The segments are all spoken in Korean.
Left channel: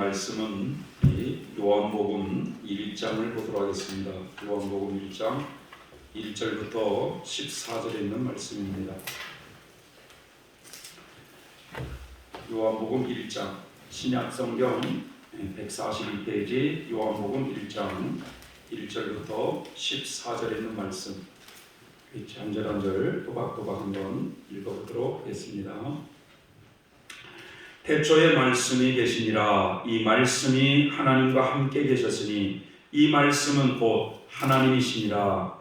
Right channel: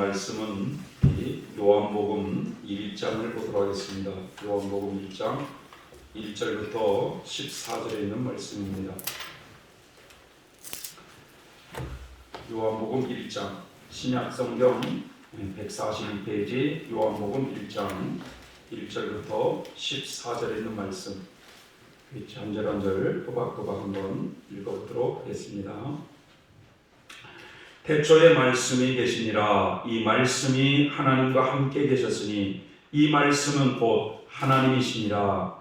말씀은 이 요한복음 1장을 보도록 하겠습니다. 요한복음 1장 1절부터 14절에 있는 말씀입니다. 요한복음 1장 신약성경 142페이지 요한복음 1장 1절부터 14절에 있는 말씀 한 절 한 절 또박또박 한번 읽어보도록 하겠습니다. 태초에 말씀이 계시니라. 이 말씀이 하나님과 함께 계셨으니 이 말씀은 곧 하나님이시니라.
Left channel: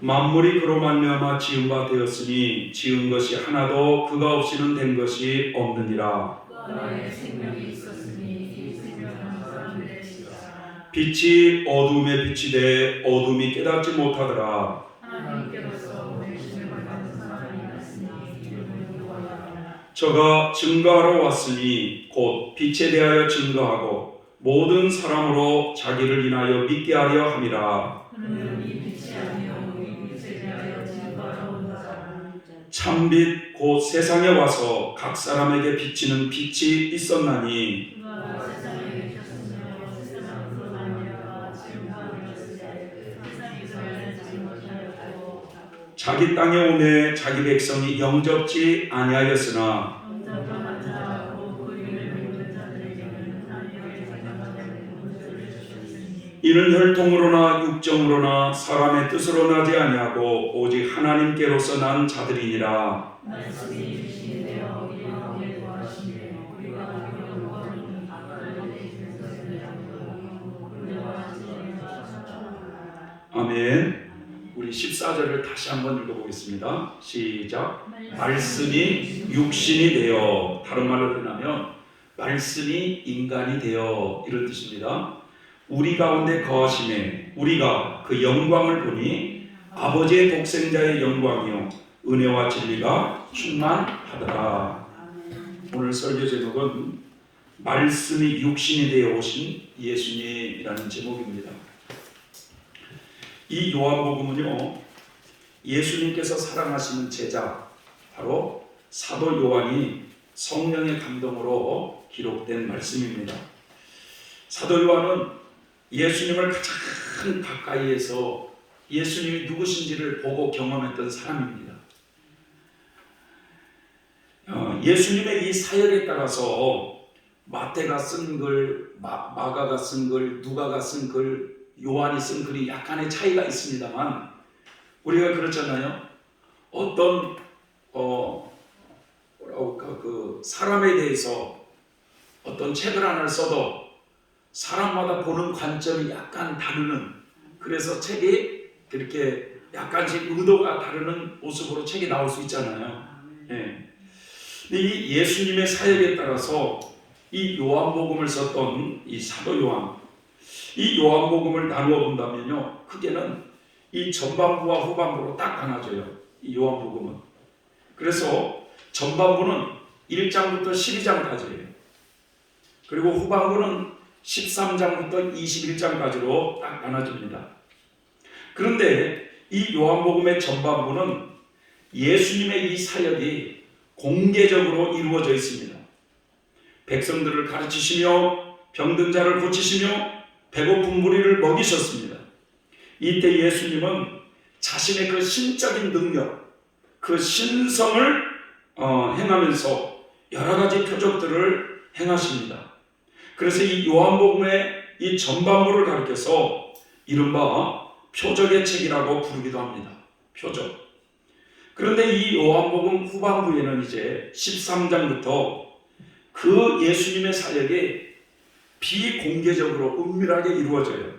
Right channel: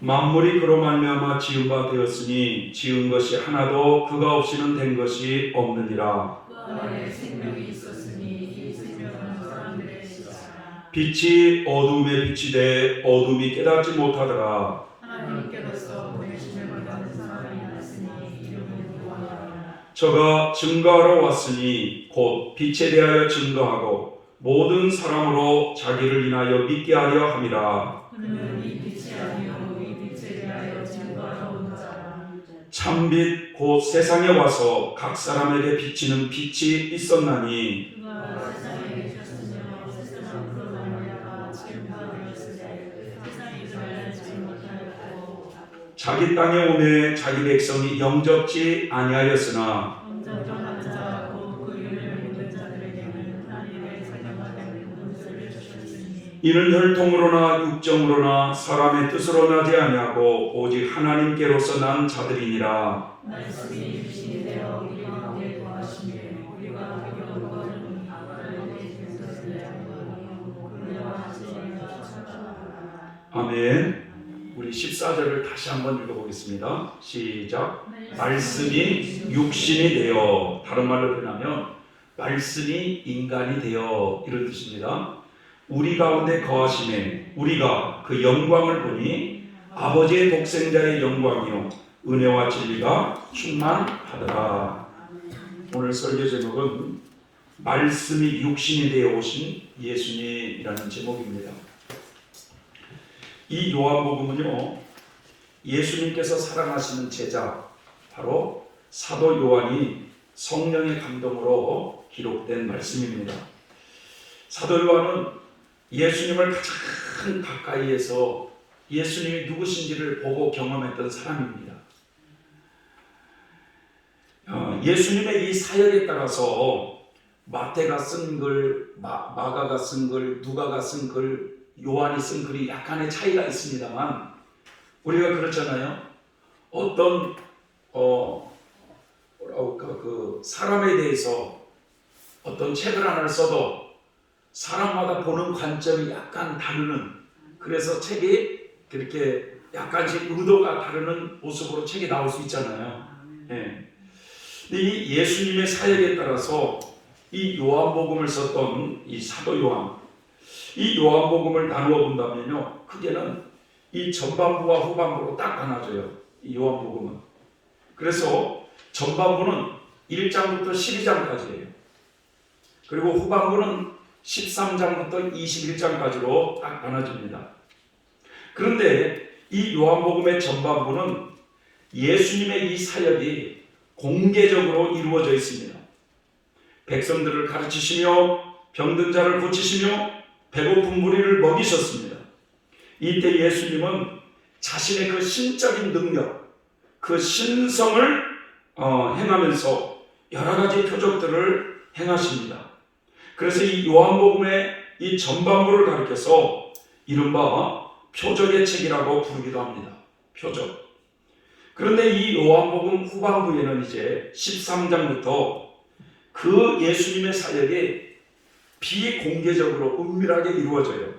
만물이 그로 말미암아 지은 바 되었으니 지은 것이 하나도 그가 없이는 된 것이 없느니라. 빛이 어둠에 비치되 어둠이 깨닫지 못하더라. 저가 증거하러 왔으니 곧 빛에 대하여 증거하고 모든 사람으로 자기를 인하여 믿게 하려 함이라. 참빛 곧 세상에 와서 각 사람에게 비치는 빛이 있었나니 자기 땅에 오매 자기 백성이 영접지 아니하였으나 이는 혈통으로나 육정으로나 사람의 뜻으로 나지 아니하고 오직 하나님께로서 난 자들이니라. 아멘. 우리 14절을 다시 한번 읽어보겠습니다. 시작. 말씀이 육신이 되어, 다른 말로 표현하면 말씀이 인간이 되어, 이런 뜻입니다. 우리 가운데 거하심에 우리가 그 영광을 보니 아버지의 독생자의 영광이요 은혜와 진리가 충만하더라. 오늘 설교 제목은 말씀이 육신이 되어 오신 예수님이라는 제목입니다. 이 요한복음은요, 예수님께서 사랑하시는 제자 바로 사도 요한이 성령의 감동으로 기록된 말씀입니다. 사도 요한은 예수님을 가장 가까이에서 예수님이 누구신지를 보고 경험했던 사람입니다. 예수님의 이 사역에 따라서 마태가 쓴 글, 마가가 쓴 글, 누가가 쓴 글, 요한이 쓴 글이 약간의 차이가 있습니다만 우리가 그렇잖아요. 어떤 그 사람에 대해서 어떤 책을 하나를 써도 사람마다 보는 관점이 약간 다르는, 그래서 책이 그렇게 약간씩 의도가 다르는 모습으로 책이 나올 수 있잖아요. 예. 근데 이 예수님의 사역에 따라서 이 요한복음을 썼던 이 사도 요한, 이 요한복음을 나누어 본다면요, 크게는 이 전반부와 후반부로 딱 나눠져요. 이 요한복음은. 그래서 전반부는 1장부터 12장까지예요. 그리고 후반부는 13장부터 21장까지로 딱 나눠집니다. 그런데 이 요한복음의 전반부는 예수님의 이 사역이 공개적으로 이루어져 있습니다. 백성들을 가르치시며 병든 자를 고치시며 배고픈 무리를 먹이셨습니다. 이때 예수님은 자신의 그 신적인 능력, 그 신성을 행하면서 여러 가지 표적들을 행하십니다. 그래서 이 요한복음의 이 전반부를 가리켜서 이른바 표적의 책이라고 부르기도 합니다. 표적. 그런데 이 요한복음 후반부에는 이제 13장부터 그 예수님의 사역이 비공개적으로 은밀하게 이루어져요.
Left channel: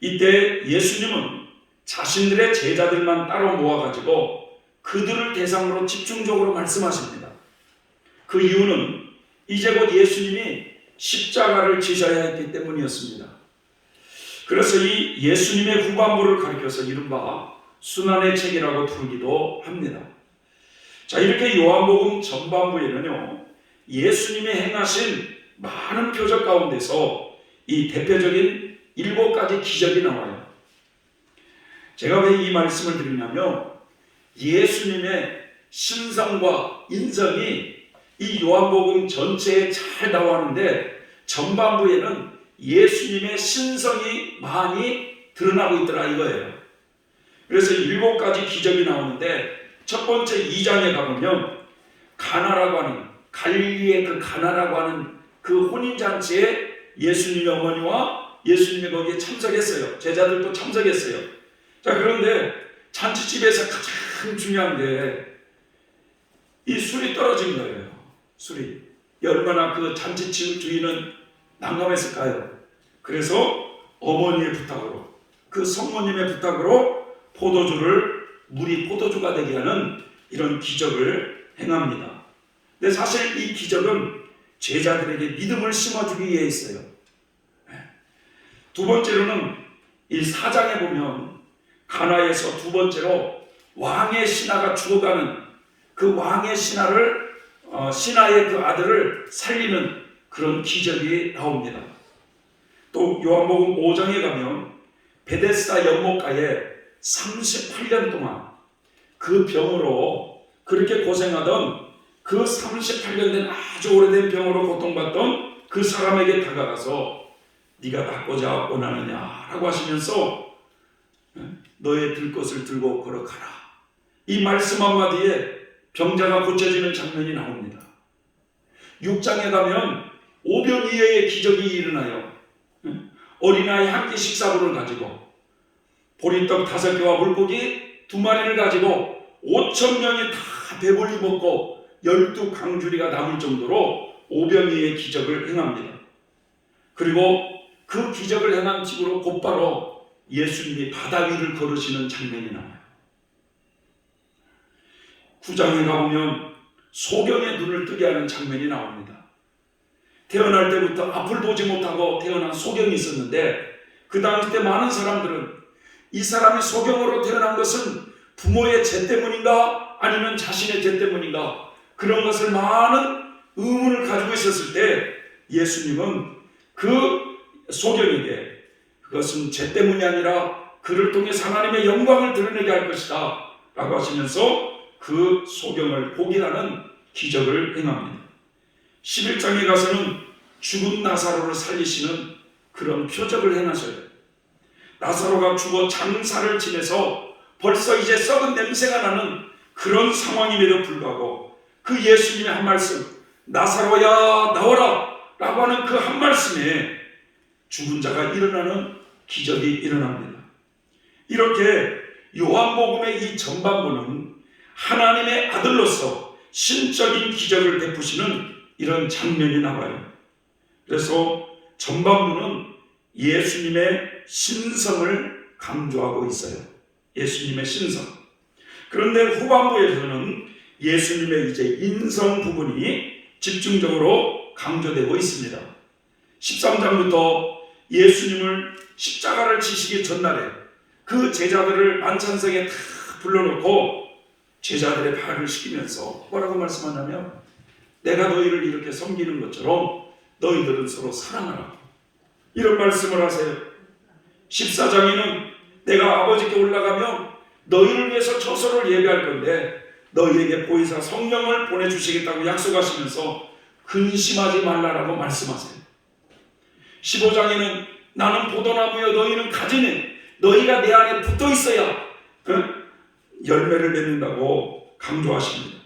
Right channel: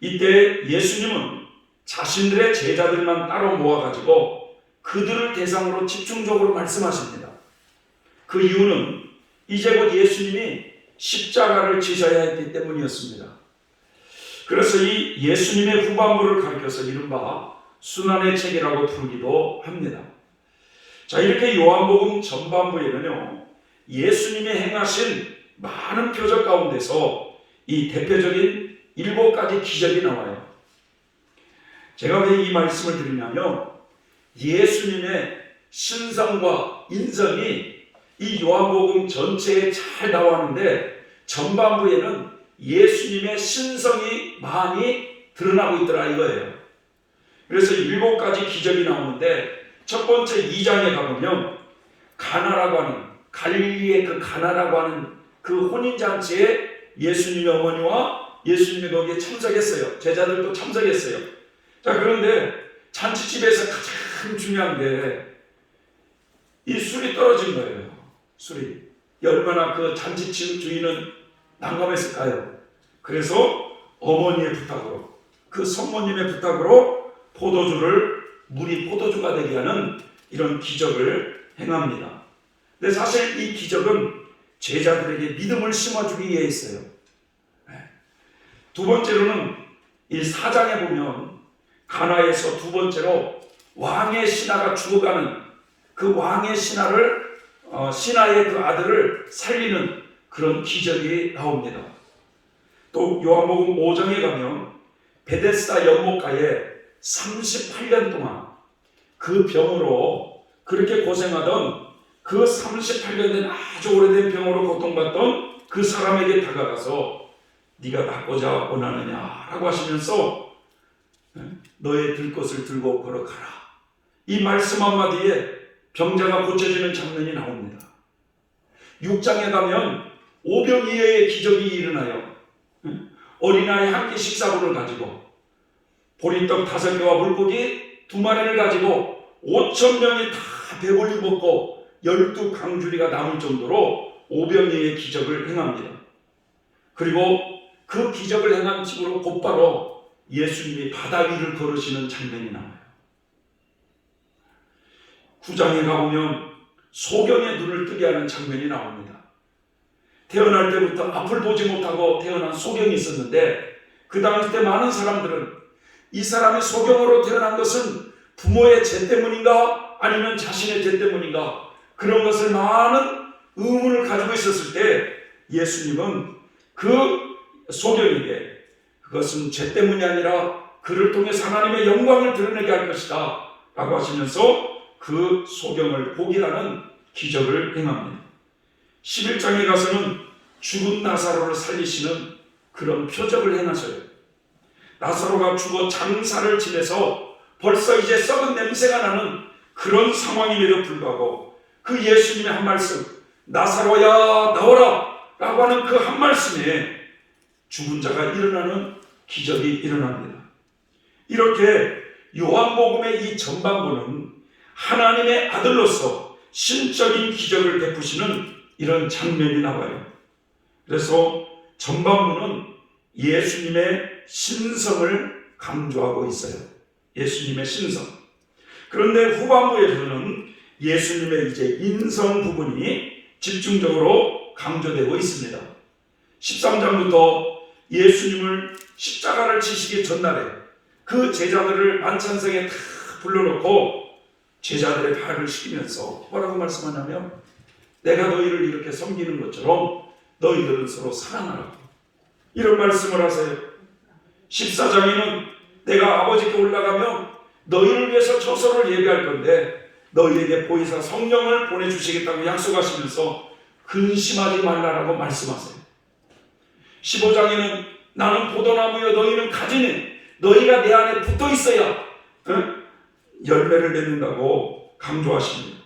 이때 예수님은 자신들의 제자들만 따로 모아가지고 그들을 대상으로 집중적으로 말씀하십니다. 그 이유는 이제 곧 예수님이 십자가를 지셔야 했기 때문이었습니다. 그래서 이 예수님의 후반부를 가리켜서 이른바 순환의 책이라고 부르기도 합니다. 자, 이렇게 요한복음 전반부에는요, 예수님이 행하신 많은 표적 가운데서 이 대표적인 7가지 기적이 나와요. 제가 왜 이 말씀을 드리냐면 예수님의 신성과 인성이 이 요한복음 전체에 잘 나왔는데 전반부에는 예수님의 신성이 많이 드러나고 있더라 이거예요. 그래서 7가지 기적이 나오는데 첫 번째 2장에 가보면 가나라고 하는 갈릴리의 그 가나라고 하는 그 혼인잔치에 예수님의 어머니와 예수님이 거기에 참석했어요. 제자들도 참석했어요. 자, 그런데 잔치집에서 가장 중요한 게 이 술이 떨어진 거예요. 술이. 얼마나 그 잔치집 주인은 난감했을까요? 그래서 어머니의 부탁으로, 그 성모님의 부탁으로 물이 포도주가 되게 하는 이런 기적을 행합니다. 근데 사실 이 기적은 제자들에게 믿음을 심어주기 위해 있어요. 두 번째로는 이 4장에 보면 가나에서 두 번째로 왕의 신하가 죽어가는 그 왕의 신하의 그 아들을 살리는 그런 기적이 나옵니다. 또 요한복음 5장에 가면 베데스다 연못가에 38년 동안 그 병으로 그렇게 고생하던 그 38년 된 아주 오래된 병으로 고통받던 그 사람에게 다가가서 네가 낫고자 원하느냐 라고 하시면서 너의 들 것을 들고 걸어가라. 이 말씀 한마디에 병자가 고쳐지는 장면이 나옵니다. 6장에 가면 오병이어의 기적이 일어나요. 어린아이 한 개 식사분을 가지고 보리떡 5개와 물고기 2마리를 가지고 5,000명이 다 배불리 먹고 12강주리가 남을 정도로 오병이어의 기적을 행합니다. 그리고 그 기적을 행한 집으로 곧바로 예수님이 바다 위를 걸으시는 장면이 나와요. 9장에 가보면 소경의 눈을 뜨게 하는 장면이 나옵니다. 태어날 때부터 앞을 보지 못하고 태어난 소경이 있었는데 그 당시 때 많은 사람들은 이 사람이 소경으로 태어난 것은 부모의 죄 때문인가 아니면 자신의 죄 때문인가 그런 것을 많은 의문을 가지고 있었을 때 예수님은 그 소경에게 그것은 죄 때문이 아니라 그를 통해 하나님의 영광을 드러내게 할 것이다 라고 하시면서 그 소경을 보게 하는 기적을 행합니다. 11장에 가서는 죽은 나사로를 살리시는 그런 표적을 행하셔요. 나사로가 죽어 장사를 지내서 벌써 이제 썩은 냄새가 나는 그런 상황임에도 불구하고 그 예수님의 한 말씀 나사로야 나오라 라고 하는 그 한 말씀에 죽은 자가 일어나는 기적이 일어납니다. 이렇게 요한복음의 이 전반부는 하나님의 아들로서 신적인 기적을 베푸시는 이런 장면이 나와요. 그래서 전반부는 예수님의 신성을 강조하고 있어요. 예수님의 신성. 그런데 후반부에서는 예수님의 이제 인성 부분이 집중적으로 강조되고 있습니다. 13장부터 예수님을 십자가를 지시기 전날에 그 제자들을 만찬석에 다 불러놓고 제자들의 발을 씻기면서 뭐라고 말씀하냐면 내가 너희를 이렇게 섬기는 것처럼 너희들은 서로 사랑하라고 이런 말씀을 하세요. 14장에는 내가 아버지께 올라가면 너희를 위해서 처소를 예비할 건데 너희에게 보혜사 성령을 보내주시겠다고 약속하시면서 근심하지 말라라고 말씀하세요. 15장에는 나는 포도나무여 너희는 가지니 너희가 내 안에 붙어 있어야 열매를 맺는다고 강조하십니다.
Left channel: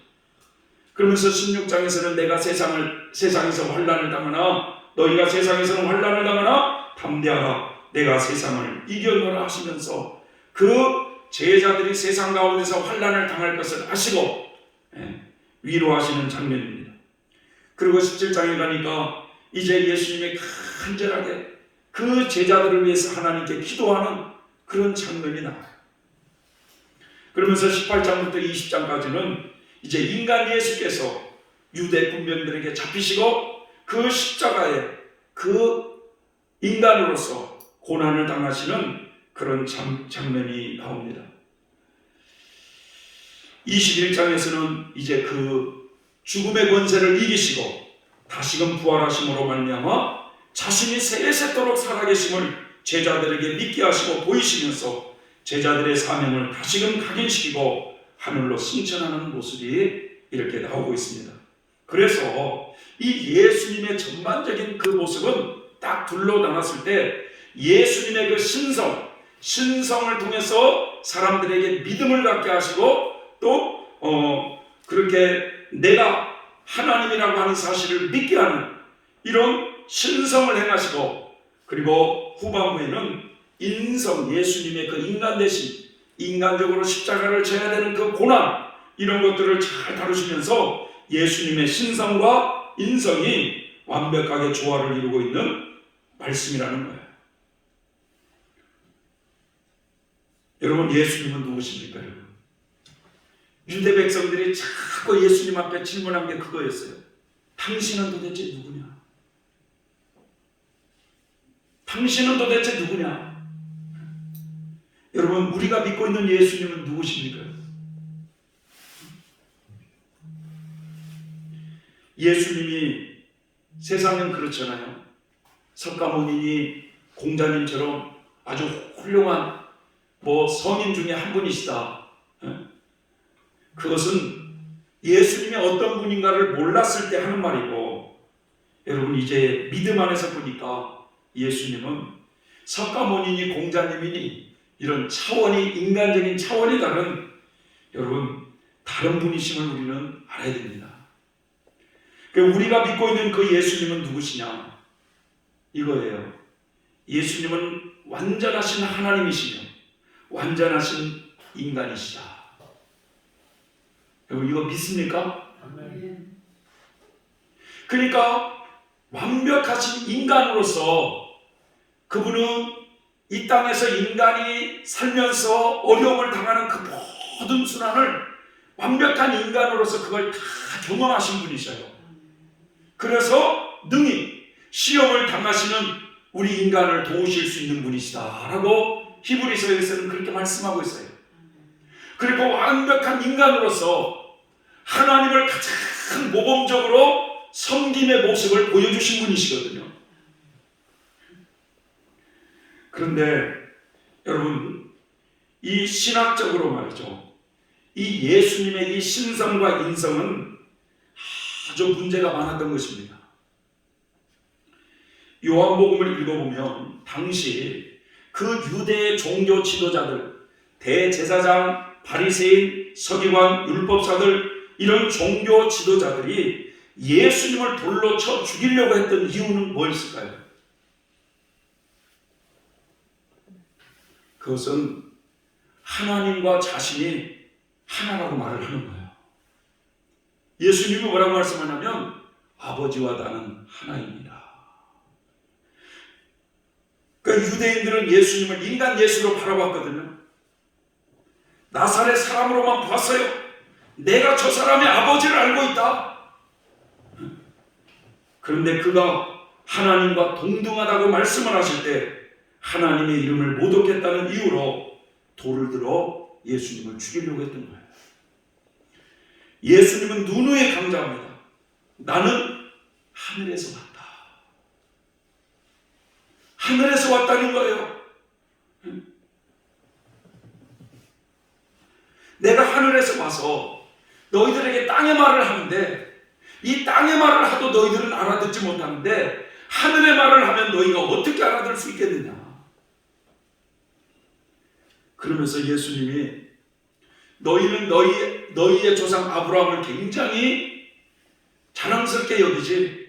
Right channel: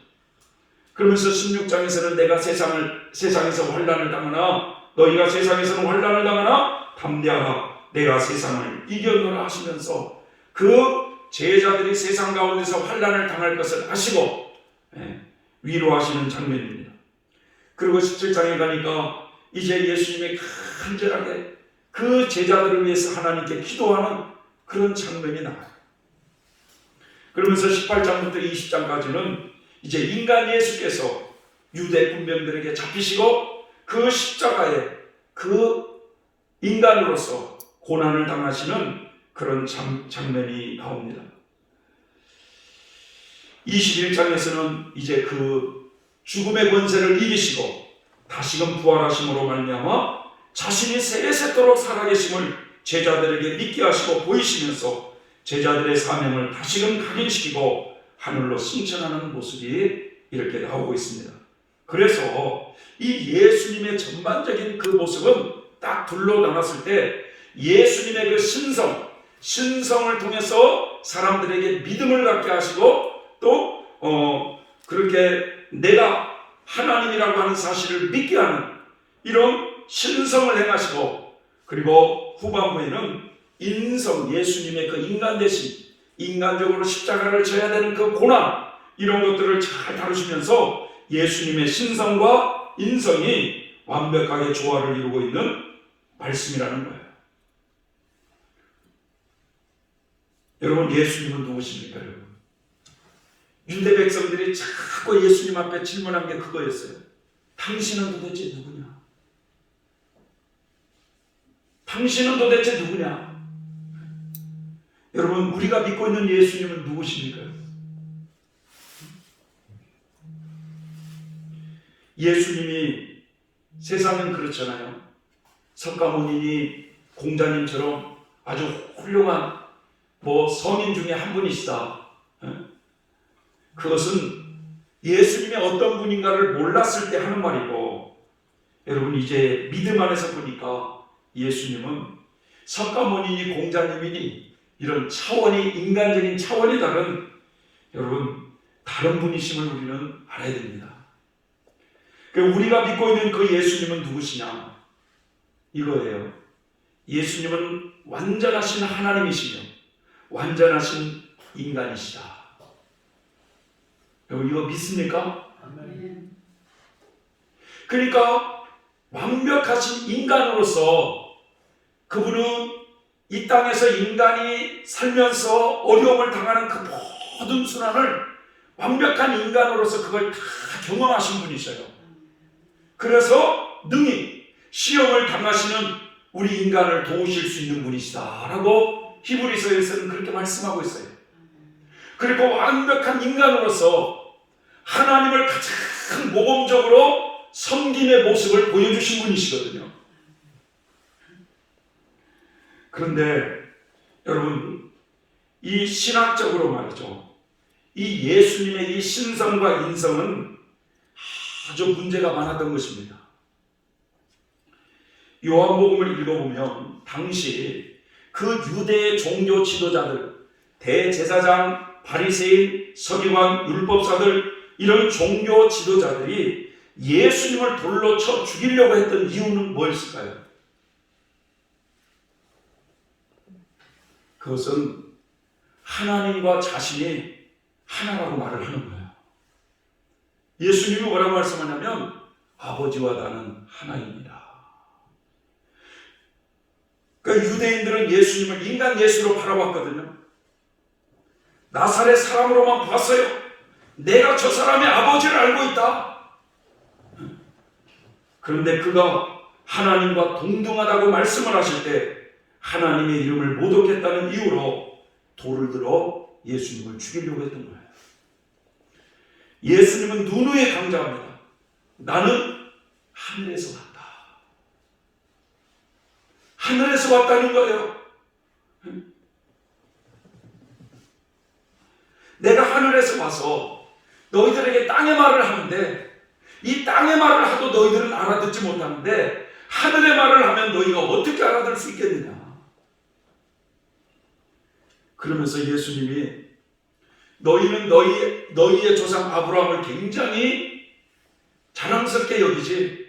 그러면서 16장에서는 내가 세상에서 환난을 당하나 너희가 세상에서는 환난을 당하나 담대하라 내가 세상을 이겨노라 하시면서 그 제자들이 세상 가운데서 환난을 당할 것을 아시고 위로하시는 장면입니다. 그리고 17장에 가니까 이제 예수님이 간절하게 그 제자들을 위해서 하나님께 기도하는 그런 장면이 나와요. 그러면서 18장부터 20장까지는 이제 인간 예수께서 유대 군병들에게 잡히시고 그 십자가에 그 인간으로서 고난을 당하시는 그런 장면이 나옵니다. 21장에서는 이제 그 죽음의 권세를 이기시고 다시금 부활하심으로 말미암아 자신이 세세토록 살아계심을 제자들에게 믿게 하시고 보이시면서 제자들의 사명을 다시금 각인시키고 하늘로 승천하는 모습이 이렇게 나오고 있습니다. 그래서 이 예수님의 전반적인 그 모습은 딱 둘로 나눴을 때 예수님의 그 신성을 통해서 사람들에게 믿음을 갖게 하시고 또 그렇게 내가 하나님이라고 하는 사실을 믿게 하는 이런 신성을 행하시고, 그리고 후반부에는 인성, 예수님의 그 인간 대신 인간적으로 십자가를 져야 되는 그 고난, 이런 것들을 잘 다루시면서 예수님의 신성과 인성이 완벽하게 조화를 이루고 있는 말씀이라는 거예요. 여러분, 예수님은 누구십니까? 여러분, 유대 백성들이 자꾸 예수님 앞에 질문한 게 그거였어요. 당신은 도대체 누구냐? 당신은 도대체 누구냐? 여러분, 우리가 믿고 있는 예수님은 누구십니까? 예수님이, 세상은 그렇잖아요. 석가모니니 공자님처럼 아주 훌륭한 성인 중에 한 분이시다. 그것은 예수님이 어떤 분인가를 몰랐을 때 하는 말이고, 여러분 이제 믿음 안에서 보니까 예수님은 석가모니니 공자님이니 이런 차원이, 인간적인 차원이 다른, 여러분 다른 분이심을 우리는 알아야 됩니다. 우리가 믿고 있는 그 예수님은 누구시냐? 이거예요. 예수님은 완전하신 하나님이시며 완전하신 인간이시다. 여러분 이거 믿습니까? 그러니까 완벽하신 인간으로서 그분은 이 땅에서 인간이 살면서 어려움을 당하는 그 모든 순환을 완벽한 인간으로서 그걸 다 경험하신 분이셔요. 그래서 능히 시험을 당하시는 우리 인간을 도우실 수 있는 분이시다라고 히브리서에서는 그렇게 말씀하고 있어요. 그리고 완벽한 인간으로서 하나님을 가장 모범적으로 섬김의 모습을 보여주신 분이시거든요. 그런데 여러분, 이 신학적으로 말이죠, 이 예수님의 이 신성과 인성은 아주 문제가 많았던 것입니다. 요한복음을 읽어보면 당시 그 유대의 종교 지도자들, 대제사장, 바리새인, 서기관, 율법사들, 이런 종교 지도자들이 예수님을 돌로 쳐 죽이려고 했던 이유는 뭐였을까요? 그것은 하나님과 자신이 하나라고 말을 하는 거예요. 예수님이 뭐라고 말씀하냐면 아버지와 나는 하나입니다. 그러니까 유대인들은 예수님을 인간 예수로 바라봤거든요. 나사렛 사람으로만 봤어요. 내가 저 사람의 아버지를 알고 있다. 그런데 그가 하나님과 동등하다고 말씀을 하실 때 하나님의 이름을 모독했다는 이유로 돌을 들어 예수님을 죽이려고 했던 거예요. 예수님은 누누이 강조합니다. 나는 하늘에서 왔다. 하늘에서 왔다는 거예요. 내가 하늘에서 와서 너희들에게 땅의 말을 하는데 이 땅의 말을 하도 너희들은 알아듣지 못하는데 하늘의 말을 하면 너희가 어떻게 알아들 수 있겠느냐. 그러면서 예수님이 너희는 너희의 조상 아브라함을 굉장히 자랑스럽게 여기지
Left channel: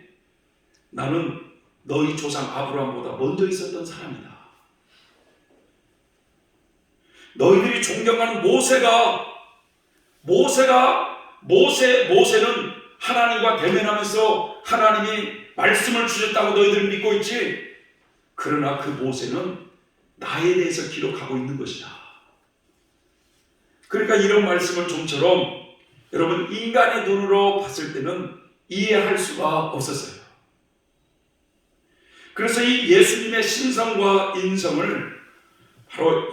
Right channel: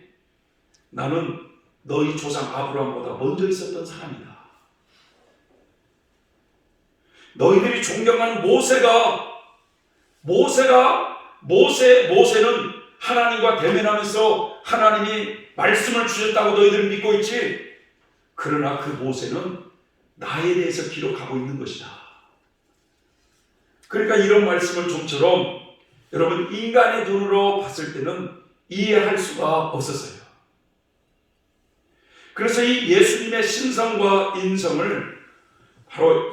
나는 너희 조상 아브라함보다 먼저 있었던 사람이다. 너희들이 존경하는 모세는 하나님과 대면하면서 하나님이 말씀을 주셨다고 너희들 믿고 있지. 그러나 그 모세는 나에 대해서 기록하고 있는 것이다. 그러니까 이런 말씀을 좀처럼 여러분 인간의 눈으로 봤을 때는 이해할 수가 없었어요. 그래서 이 예수님의 신성과 인성을 바로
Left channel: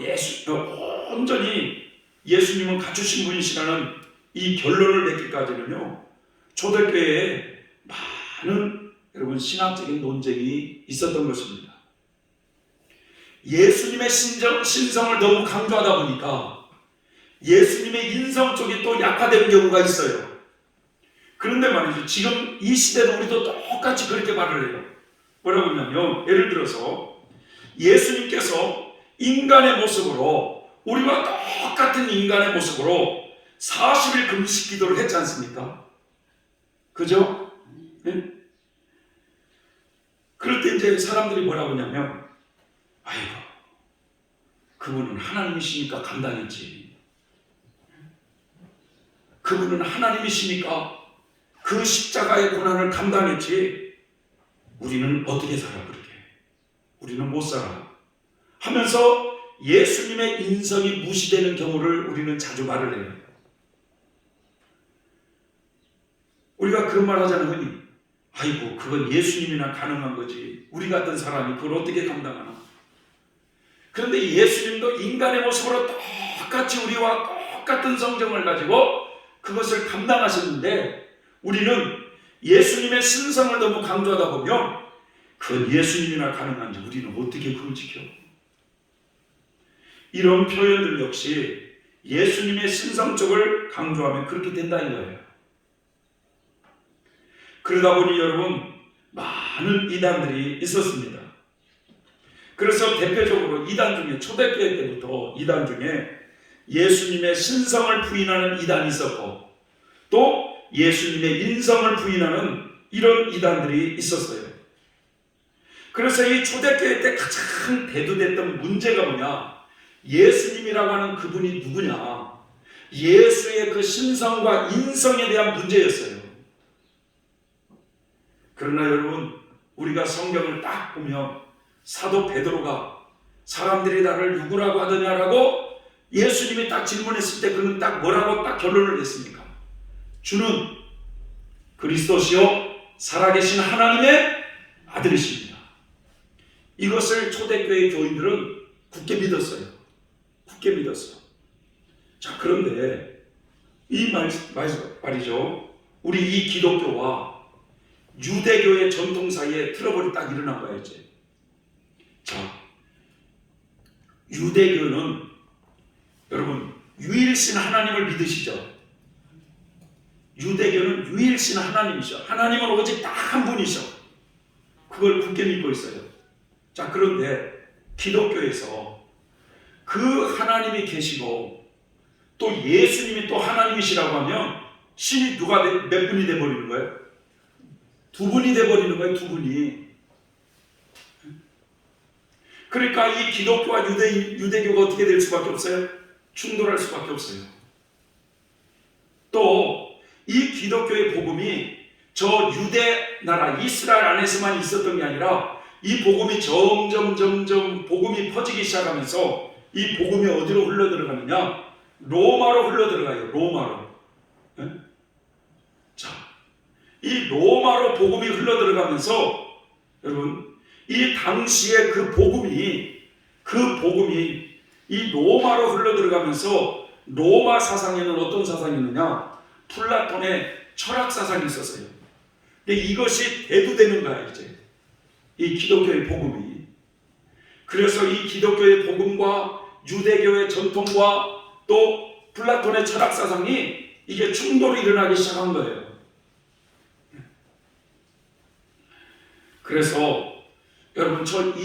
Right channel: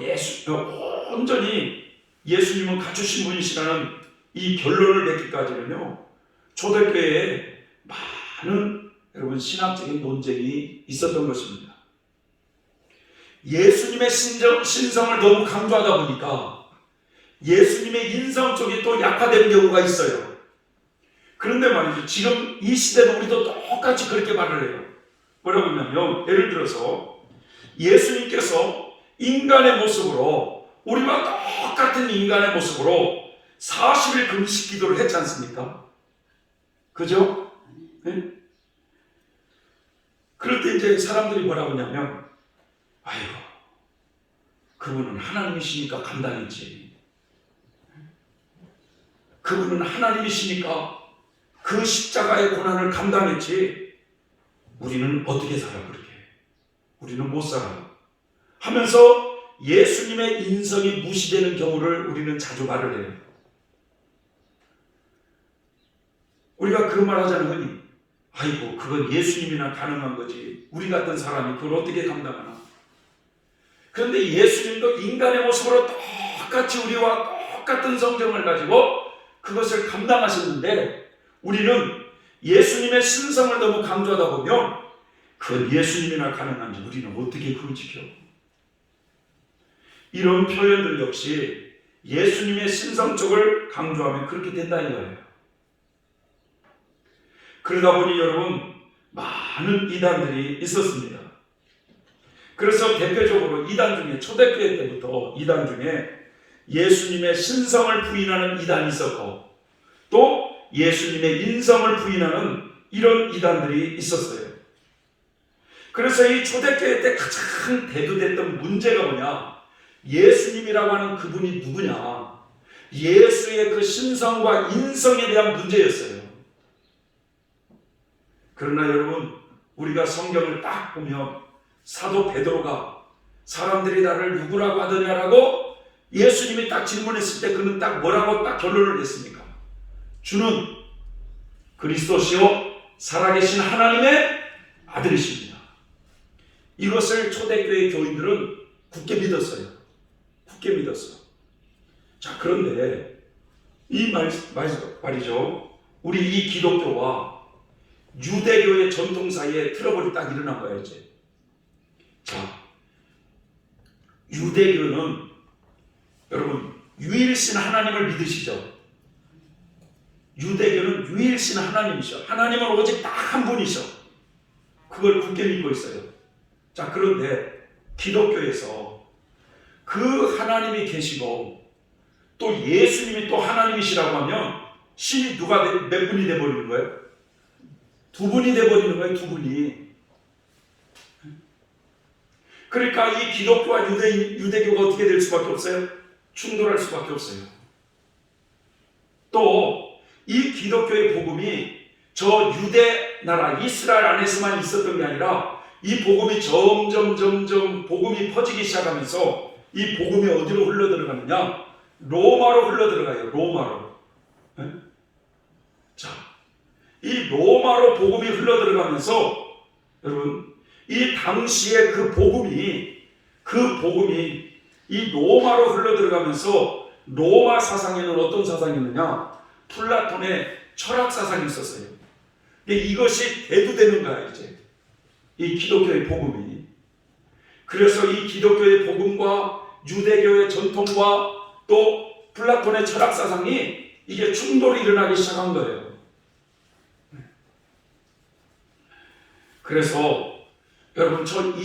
온전히 예수님은 갖추신 분이시라는 이 결론을 맺기까지는요, 초대교회에 많은 여러분 신학적인 논쟁이 있었던 것입니다. 예수님의 신성을 너무 강조하다 보니까 예수님의 인성 쪽이 또 약화되는 경우가 있어요. 그런데 말이죠. 지금 이 시대도 우리도 똑같이 그렇게 말을 해요. 뭐라고 하냐면 예를 들어서 예수님께서 인간의 모습으로 우리와 똑같은 인간의 모습으로 40일 금식 기도를 했지 않습니까? 그죠? 네? 그럴 때 이제 사람들이 뭐라고 하냐면 아이고 그분은 하나님이시니까 감당했지. 그분은 하나님이시니까 그 십자가의 고난을 감당했지. 우리는 어떻게 살아 그렇게? 우리는 못 살아. 하면서 예수님의 인성이 무시되는 경우를 우리는 자주 말을 해요. 우리가 그런 말 하잖아요. 흔히. 아이고 그건 예수님이나 가능한 거지. 우리 같은 사람이 그걸 어떻게 감당하나. 그런데 예수님도 인간의 모습으로 똑같이 우리와 똑같은 성정을 가지고 그것을 감당하셨는데 우리는 예수님의 신성을 너무 강조하다 보면 그건 예수님이나 가능한지 우리는 어떻게 그걸 지켜? 이런 표현들 역시 예수님의 신성 쪽을 강조하면 그렇게 된다는 거예요. 그러다 보니 여러분 많은 이단들이 있었습니다. 그래서 대표적으로 이단 중에 초대교회 때부터 이단 중에 예수님의 신성을 부인하는 이단이 있었고 또 예수님의 인성을 부인하는 이런 이단들이 있었어요. 그래서 이 초대교회 때 가장 대두됐던 문제가 뭐냐? 예수님이라고 하는 그분이 누구냐? 예수의 그 신성과 인성에 대한 문제였어요. 그러나 여러분 우리가 성경을 딱 보면 사도 베드로가 사람들이 나를 누구라고 하더냐라고 예수님이 딱 질문했을 때 그는 딱 뭐라고 딱 결론을 냈습니까? 주는 그리스도시요 살아계신 하나님의 아들이십니다. 이것을 초대교회 교인들은 굳게 믿었어요. 굳게 믿었어요. 자 그런데 이 말이죠. 우리 이 기독교와 유대교의 전통 사이에 트러블이 딱 일어난 거예요. 이제. 자, 유대교는 여러분 유일신 하나님을 믿으시죠? 유대교는 유일신 하나님이셔. 하나님은 오직 딱 한 분이셔. 그걸 굳게 믿고 있어요. 자, 그런데 기독교에서 그 하나님이 계시고 또 예수님이 또 하나님이시라고 하면 신이 누가 몇 분이 돼버리는 거예요? 두 분이 돼버리는 거예요. 두 분이. 그러니까 이 기독교와 유대교가 어떻게 될 수밖에 없어요? 충돌할 수밖에 없어요. 또 이 기독교의 복음이 저 유대 나라 이스라엘 안에서만 있었던 게 아니라 이 복음이 점점 복음이 퍼지기 시작하면서 이 복음이 어디로 흘러들어가느냐? 로마로 흘러들어가요. 로마로. 네? 자, 이 로마로 복음이 흘러들어가면서 여러분 이 당시에 그 복음이 이 로마로 흘러들어가면서 로마 사상에는 어떤 사상이 있느냐? 플라톤의 철학 사상이 있었어요. 근데 이것이 대두되는 거야 이제 이 기독교의 복음이. 그래서 이 기독교의 복음과 유대교의 전통과 또 플라톤의 철학 사상이 이게 충돌이 일어나기 시작한 거예요. 그래서 여러분 저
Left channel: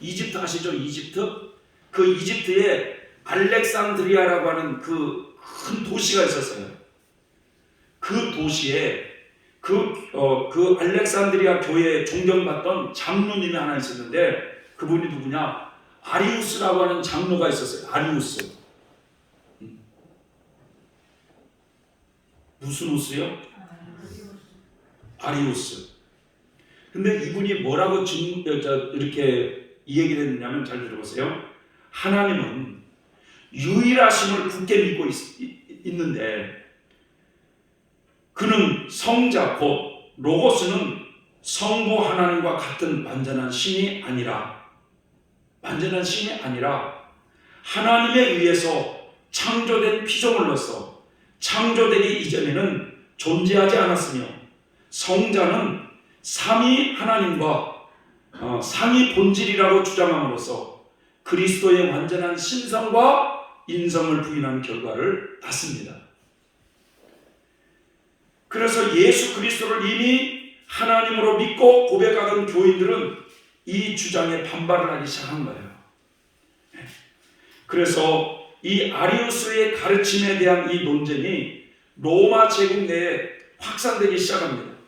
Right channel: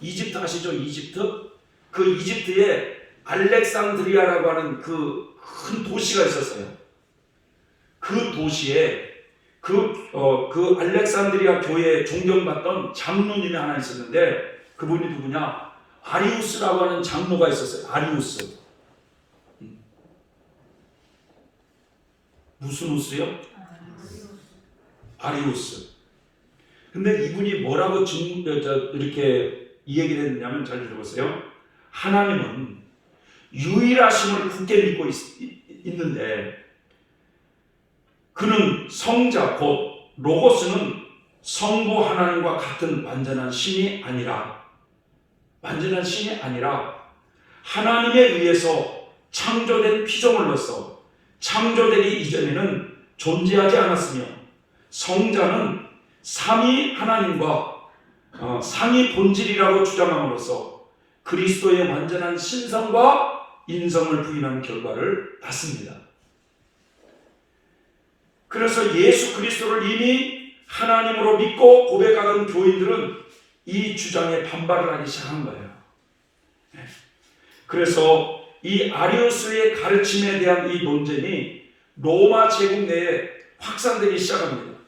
이집트 아시죠? 이집트? 그 이집트에 알렉산드리아라고 하는 그 큰 도시가 있었어요. 그 도시에 그 알렉산드리아 교회에 존경받던 장로님이 하나 있었는데 그분이 누구냐? 아리우스라고 하는 장로가 있었어요. 아리우스. 무슨 우스요? 아리우스. 근데 이분이 뭐라고 이렇게 이 얘기를 했느냐면 잘 들어보세요. 하나님은 유일하심을 굳게 믿고 있는데 그는 성자 곧 로고스는 성부 하나님과 같은 완전한 신이 아니라 하나님에 의해서 창조된 피조물로서 창조되기 이전에는 존재하지 않았으며 성자는 삼위 하나님과 상위 본질이라고 주장함으로써 그리스도의 완전한 신성과 인성을 부인하는 결과를 낳습니다. 그래서 예수 그리스도를 이미 하나님으로 믿고 고백하던 교인들은 이 주장에 반발을 하기 시작한 거예요. 그래서 이 아리우스의 가르침에 대한 이 논쟁이 로마 제국 내에 확산되기 시작합니다.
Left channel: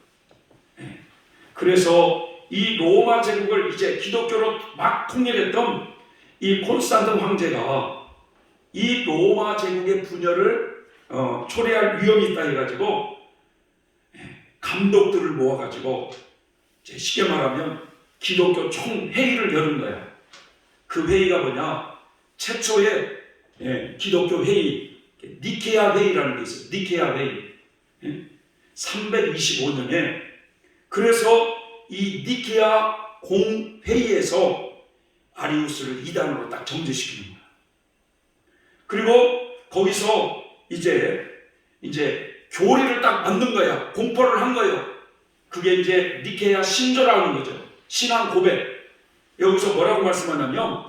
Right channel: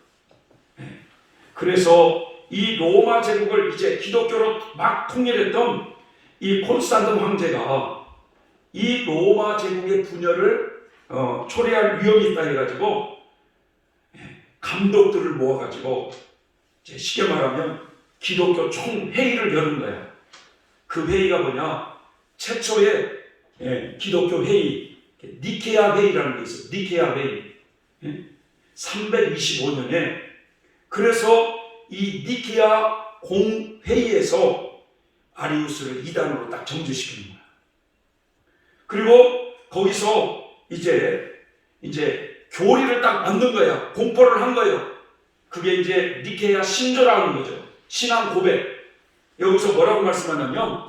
그래서 이 로마 제국을 이제 기독교로 막 통일했던 이 콘스탄틴 황제가 이 로마 제국의 분열을 초래할 위험이 있다 해가지고 감독들을 모아가지고 쉽게 말하면 기독교 총회의를 여는 거예요. 그 회의가 뭐냐? 최초의 기독교 회의, 니케아 회의라는 게 있어요. 니케아 회의. 325년에 그래서 이 니케아 공회의에서 아리우스를 이단으로 딱 정죄시키는 거예요. 그리고 거기서 이제 교리를 딱 만든 거야. 공포를 한 거예요. 그게 이제 니케아 신조라고 하는 거죠. 신앙 고백. 여기서 뭐라고 말씀하냐면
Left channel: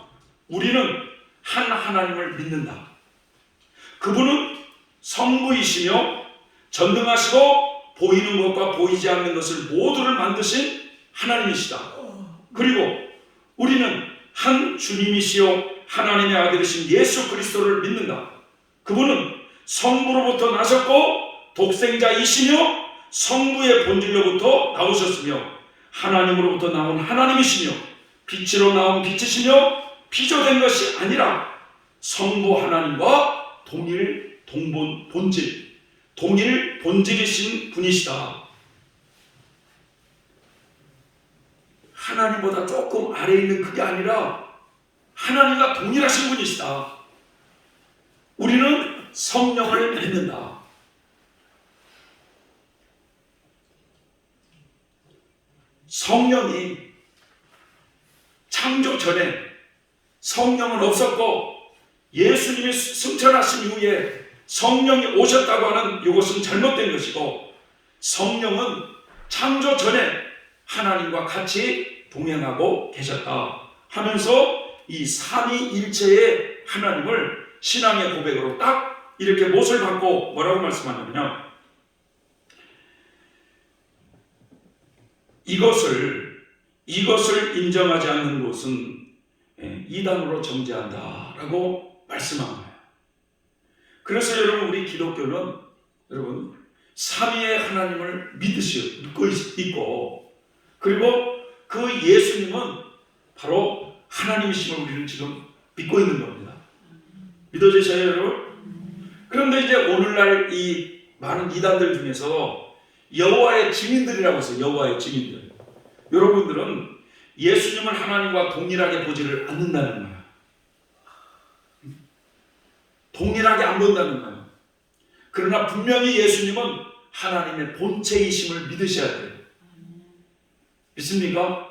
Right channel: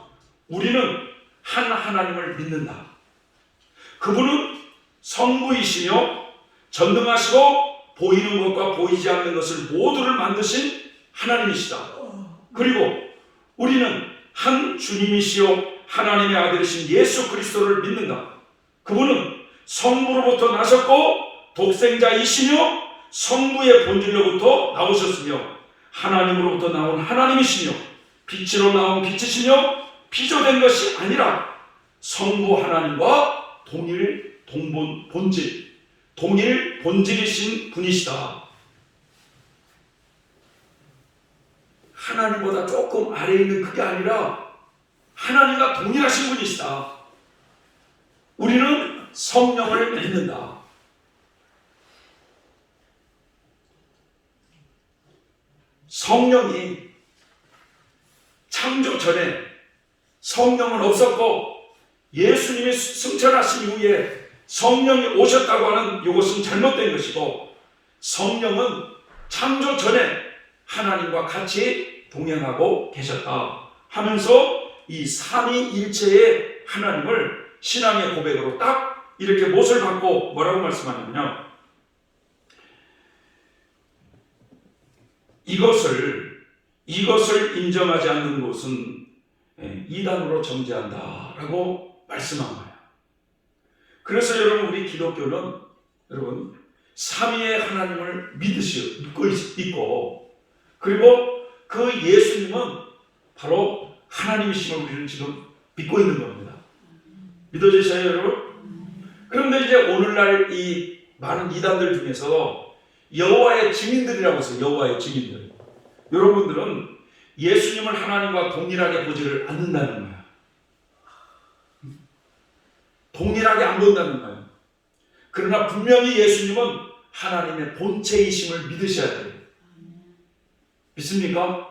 우리는 한 하나님을 믿는다. 그분은 성부이시며 전능하시고 보이는 것과 보이지 않는 것을 모두를 만드신 하나님이시다. 그리고 우리는 한 주님이시요 하나님의 아들이신 예수 그리스도를 믿는다. 그분은 성부로부터 나셨고 독생자이시며 성부의 본질로부터 나오셨으며 하나님으로부터 나온 하나님이시며 빛으로 나온 빛이시며 피조된 것이 아니라 성부 하나님과 동일 본질, 동일 본질이신 분이시다. 하나님보다 조금 아래에 있는 그게 아니라 하나님과 동일하신 분이시다. 우리는 성령을 믿는다. 성령이 창조 전에 성령은 없었고 예수님이 승천하신 이후에 성령이 오셨다고 하는 이것은 잘못된 것이고 성령은 창조 전에 하나님과 같이 동행하고 계셨다 하면서 이 삼위일체의 하나님을 신앙의 고백으로 딱 이렇게 못을 받고 뭐라고 말씀하냐면요. 이것을 인정하지 않는 것은 이단으로 정죄한다라고 말씀한 거예요. 그래서 여러분 우리 기독교는 여러분 삼위의 하나님을 믿고 있고 그리고 그 예수님은 바로 하나님이심을 우리는 지금 믿고 있는 겁니다. 믿어지셔요 여러분? 그런데 이제 오늘날 이 많은 이단들 중에서 여호와의 증인들이라고 해서 여호와의 증인들 여러분들은 예수님을 하나님과 동일하게 보지를 않는다는 거예요. 동일하게 안 본다는 거예요. 그러나 분명히 예수님은 하나님의 본체이심을 믿으셔야 돼요. 믿습니까?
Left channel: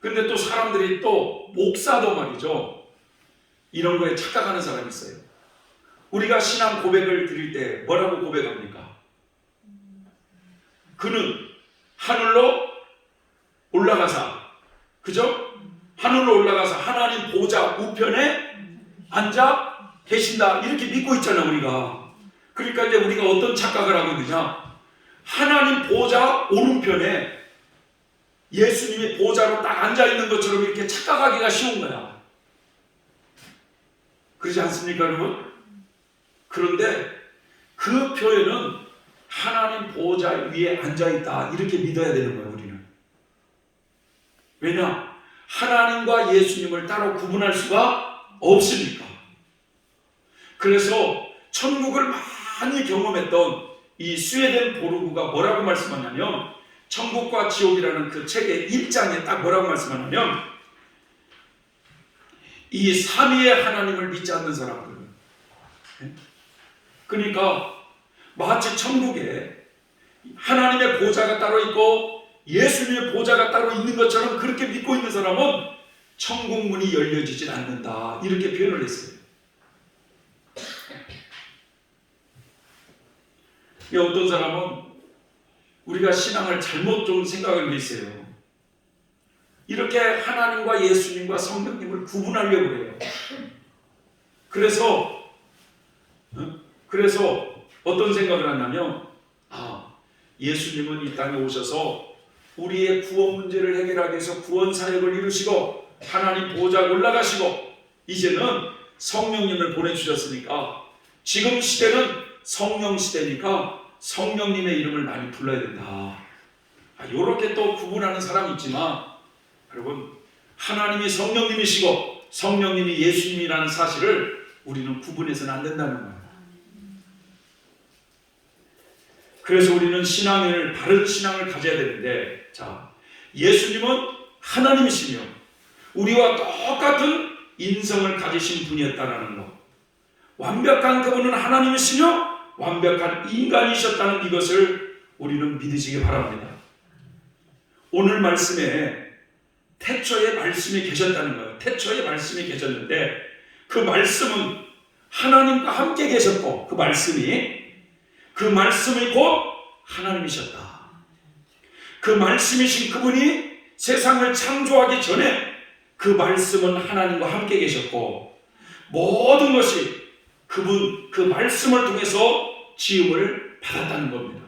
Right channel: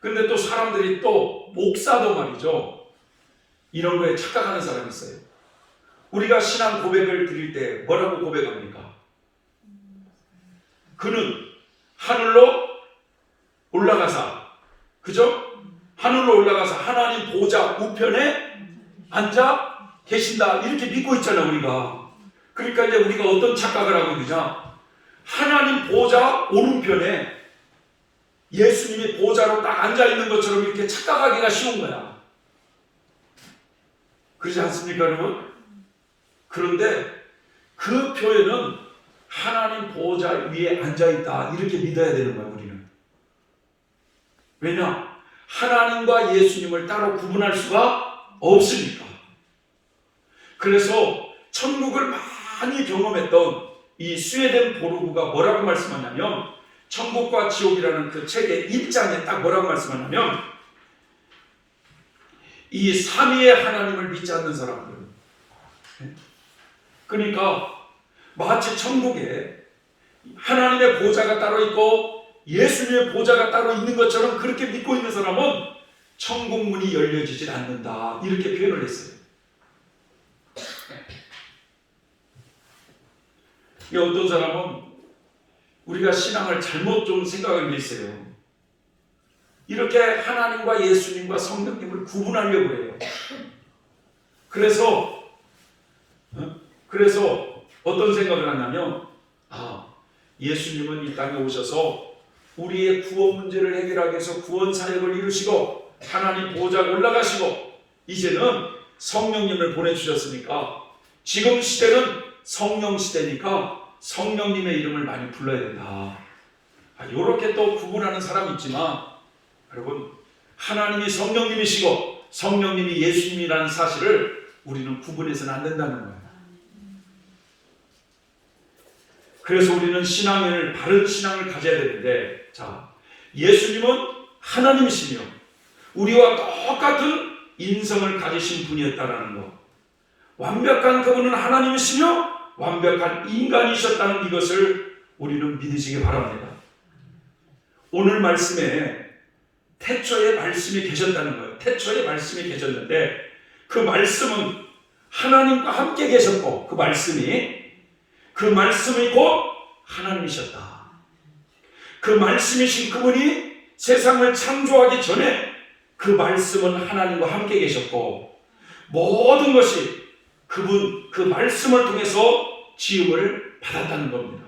그런데 또 사람들이 또 목사도 말이죠. 이런 거에 착각하는 사람이 있어요. 우리가 신앙 고백을 드릴 때 뭐라고 고백합니까? 그는 하늘로 올라가사, 그죠? 하늘로 올라가서 하나님 보좌 우편에 앉아 계신다 이렇게 믿고 있잖아요 우리가. 그러니까 이제 우리가 어떤 착각을 하고 있느냐, 하나님 보좌 오른편에 예수님이 보좌로 딱 앉아 있는 것처럼 이렇게 착각하기가 쉬운 거야. 그렇지 않습니까 여러분? 그런데 그 표현은 하나님 보좌 위에 앉아 있다 이렇게 믿어야 되는 거야 우리는. 왜냐? 하나님과 예수님을 따로 구분할 수가 없으니까. 그래서 천국을 많이 경험했던 이 스웨덴 보르그가 뭐라고 말씀하냐면 천국과 지옥이라는 그 책의 1장에 딱 뭐라고 말씀하냐면 이 삼위의 하나님을 믿지 않는 사람들은 그러니까 마치 천국에 하나님의 보좌가 따로 있고 예수님의 보좌가 따로 있는 것처럼 그렇게 믿고 있는 사람은 천국 문이 열려지질 않는다 이렇게 표현을 했어요. 어떤 사람은 우리가 신앙을 잘못 좀 생각하고 있어요. 이렇게 하나님과 예수님과 성령님을 구분하려고 해요. 그래서 어떤 생각을 하냐면 예수님은 이 땅에 오셔서 우리의 구원 문제를 해결하기 위해서 구원 사역을 이루시고 하나님 보좌에 올라가시고 이제는 성령님을 보내주셨으니까 지금 시대는 성령 시대니까 성령님의 이름을 많이 불러야 된다. 이렇게 또 구분하는 사람이 있지만 여러분, 하나님이 성령님이시고 성령님이 예수님이라는 사실을 우리는 구분해서는 안 된다는 거예요. 그래서 우리는 바른 신앙을 가져야 되는데, 예수님은 하나님이시며 우리와 똑같은 인성을 가지신 분이었다는 것, 완벽한 그분은 하나님이시며 완벽한 인간이셨다는 이것을 우리는 믿으시기 바랍니다. 오늘 말씀에 태초에 말씀이 계셨다는 거예요. 태초에 말씀이 계셨는데 그 말씀은 하나님과 함께 계셨고 그 말씀이 곧 하나님이셨다. 그 말씀이신 그분이 세상을 창조하기 전에 그 말씀은 하나님과 함께 계셨고 모든 것이 그 말씀을 통해서 지음을 받았다는 겁니다.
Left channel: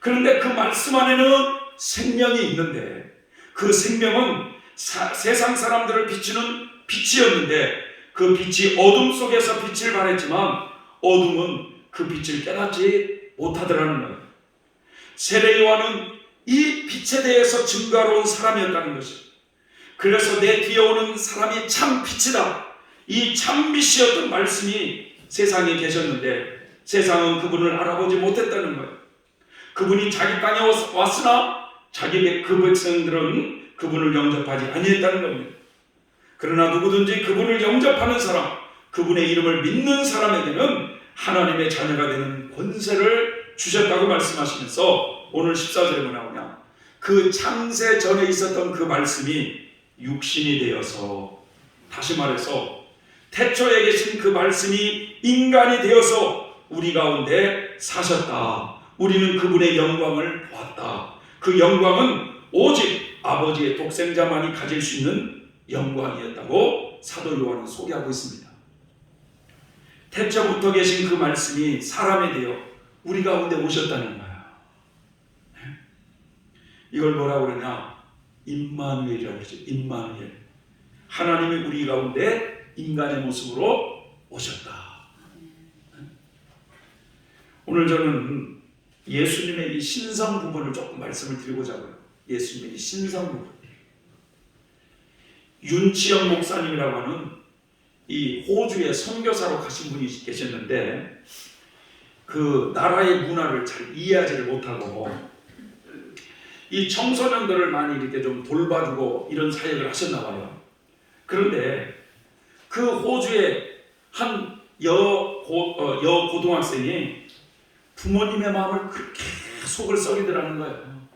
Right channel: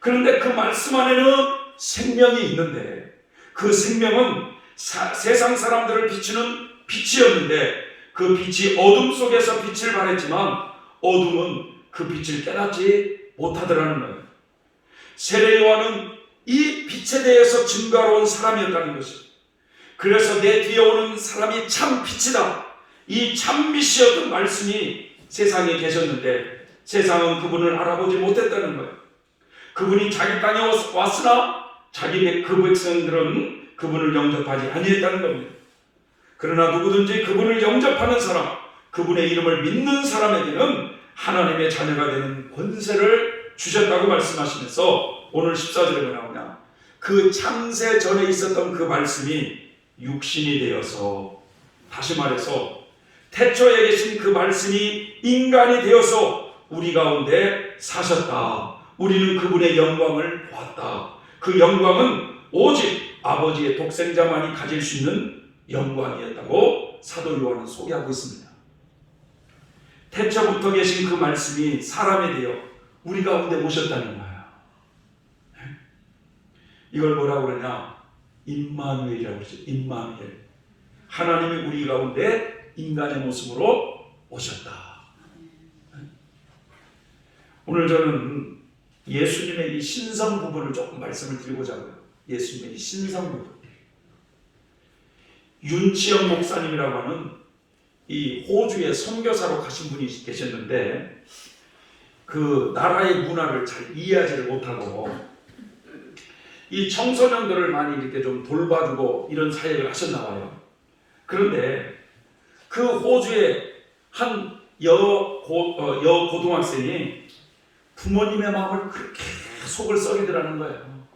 그런데 그 말씀 안에는 생명이 있는데 그 생명은 세상 사람들을 비추는 빛이었는데 그 빛이 어둠 속에서 빛을 발했지만 어둠은 그 빛을 깨닫지 못하더라는 거예요. 세례 요한은 이 빛에 대해서 증거로운 사람이었다는 것이죠. 그래서 내 뒤에 오는 사람이 참 빛이다. 이 참 빛이었던 말씀이 세상에 계셨는데 세상은 그분을 알아보지 못했다는 거예요. 그분이 자기 땅에 왔으나 자기 그 백성들은 그분을 영접하지 아니했다는 겁니다. 그러나 누구든지 그분을 영접하는 사람, 그분의 이름을 믿는 사람에게는 하나님의 자녀가 되는 권세를 주셨다고 말씀하시면서 오늘 14절에 뭐 나오냐, 그 창세 전에 있었던 그 말씀이 육신이 되어서, 다시 말해서 태초에 계신 그 말씀이 인간이 되어서 우리 가운데 사셨다. 우리는 그분의 영광을 보았다. 그 영광은 오직 아버지의 독생자만이 가질 수 있는 영광이었다고 사도 요한은 소개하고 있습니다. 태초부터 계신 그 말씀이 사람이 되어 우리 가운데 오셨다는 거예요. 이걸 뭐라고 그러냐? 임마누엘이라고 그러죠. 임마누엘. 하나님이 우리 가운데 인간의 모습으로 오셨다. 오늘 저는 예수님의 이 신성 부분을 조금 말씀을 드리고자 해요. 예수님의 이 신성 부분. 윤치영 목사님이라고 하는 이 호주의 선교사로 가신 분이 계셨는데 그 나라의 문화를 잘 이해하지를 못하고 이 청소년들을 많이 이렇게 좀 돌봐주고 이런 사역을 하셨나 봐요. 그런데 그 호주의 한 여고등학생이 부모님의 마음을 그렇게 속을 썩이더라는 거예요.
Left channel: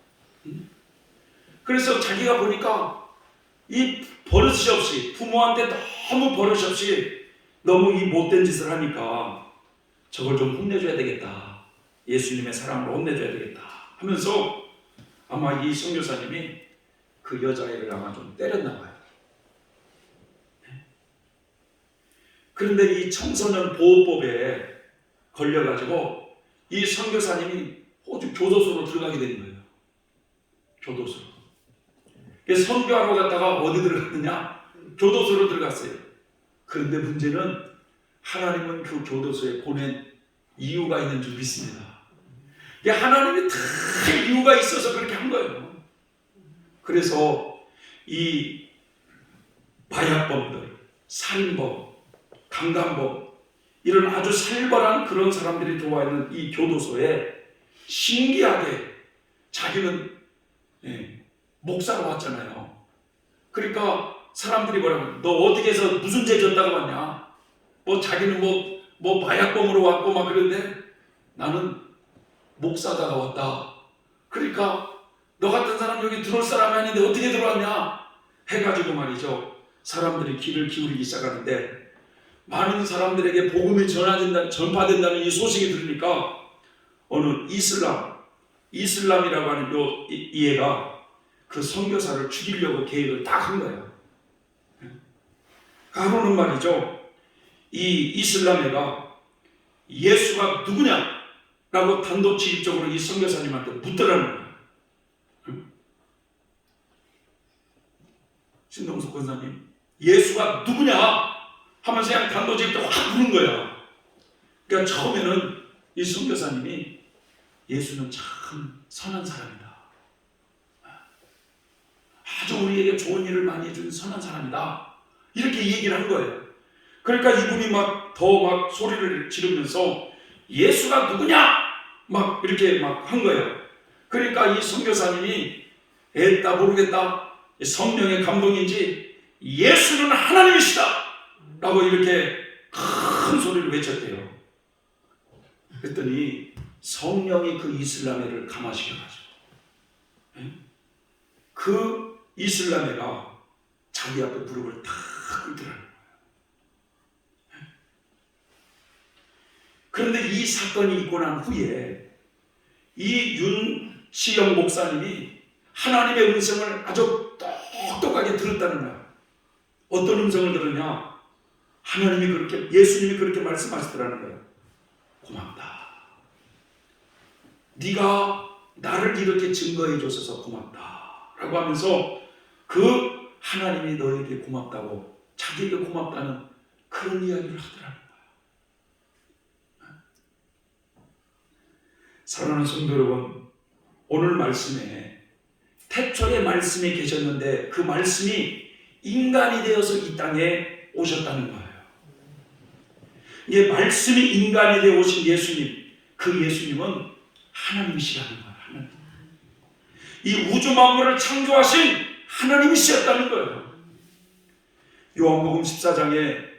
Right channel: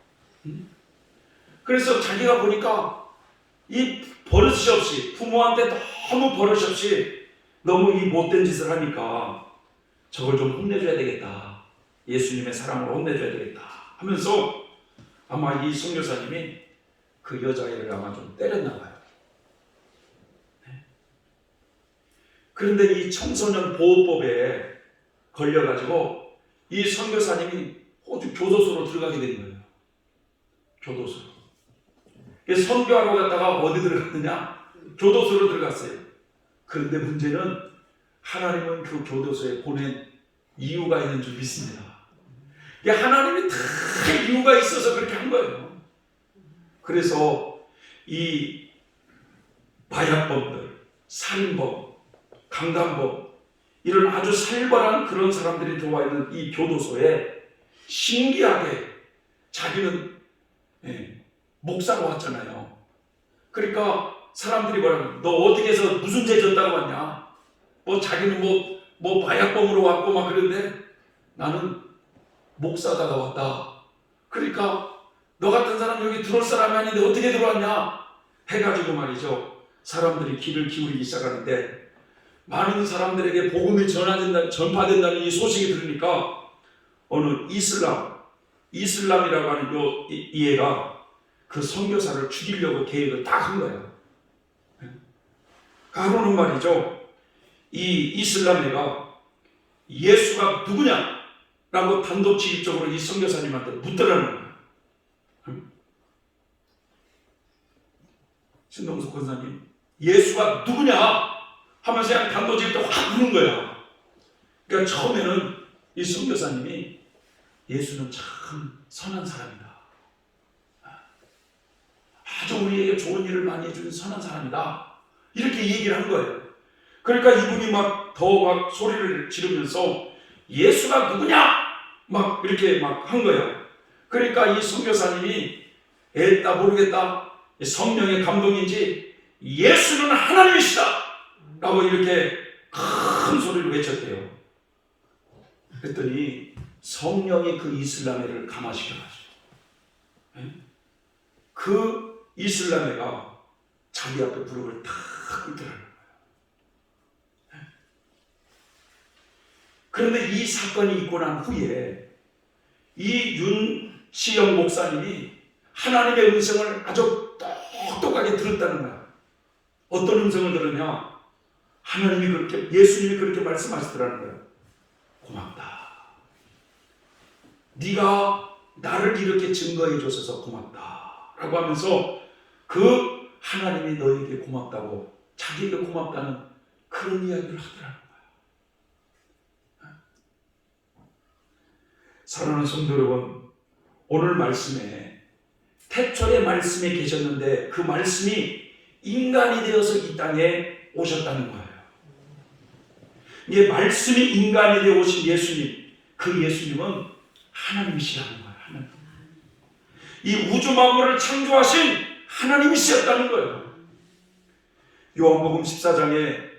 그래서 자기가 보니까 이 버릇이 없이 부모한테 너무 버릇이 없이 너무 이 못된 짓을 하니까 저걸 좀 혼내줘야 되겠다. 예수님의 사랑으로 혼내줘야 되겠다 하면서 아마 이 선교사님이 그 여자애를 아마 좀 때렸나 봐요. 그런데 이 청소년 보호법에 걸려가지고 이 선교사님이 호주 교도소로 들어가게 된 거예요. 교도소. 선교하러 갔다가 어디 들어갔느냐? 교도소로 들어갔어요. 그런데 문제는 하나님은 그 교도소에 보낸 이유가 있는 줄 믿습니다. 하나님이 다 이유가 있어서 그렇게 한 거예요. 그래서 이 마약범들, 살인범, 강간범 이런 아주 살벌한 그런 사람들이 들어와 있는 이 교도소에 신기하게 자기는 목사로 왔잖아요. 그러니까 사람들이 뭐라고, 너 어떻게 해서 무슨 죄 졌다고 왔냐? 자기는 마약범으로 왔고 막 그런데 나는 목사다가 왔다. 그러니까 너 같은 사람 여기 들어올 사람이 아닌데 어떻게 들어왔냐? 해가지고 말이죠. 사람들이 귀를 기울이기 시작하는데 많은 사람들에게 복음이 전파된다는 이 소식이 들으니까 어느 이슬람이라고 하는 이 애가 그 선교사를 죽이려고 계획을 딱 한 거예요. 가로는 말이죠. 이 이슬람 애가 예수가 누구냐? 라고 단도직입적으로 이 선교사님한테 묻더라는 거예요. 신동숙 권사님, 예수가 누구냐? 하면서 그냥 단도직입적으로 확 묻는 거예요. 그러니까 처음에는 이 선교사님이 예수는 참 선한 사람이다. 아주 우리에게 좋은 일을 많이 해준 선한 사람이다. 이렇게 얘기를 한 거예요. 그러니까 이분이 더 소리를 지르면서 예수가 누구냐? 막 이렇게 막 한 거예요. 그러니까 이 선교사님이 에따 모르겠다. 성령의 감동인지 예수는 하나님이시다. 라고 이렇게 큰 소리를 외쳤대요. 그랬더니 성령이 그 이슬람애를 감화시켜가지고 그 이슬람애가 자기 앞에 무릎을 탁 꿇더라는 거예요. 그런데 이 사건이 있고 난 후에 이 윤시영 목사님이 하나님의 음성을 아주 똑똑하게 들었다는 거야. 어떤 음성을 들었냐? 예수님이 그렇게 말씀하시더라는 거야. 고맙다. 네가 나를 이렇게 증거해 줘서 고맙다. 라고 하면서 그 하나님이 너에게 고맙다고, 자기에게 고맙다는 그런 이야기를 하더라는 거야. 사랑하는 성도 여러분, 오늘 말씀에 태초의 말씀이 계셨는데 그 말씀이 인간이 되어서 이 땅에 오셨다는 거예요. 이 말씀이 인간이 되어 오신 예수님, 그 예수님은 하나님이시라는 거예요. 하나님. 이 우주 만물을 창조하신 하나님이시였다는 거예요. 요한복음 14장에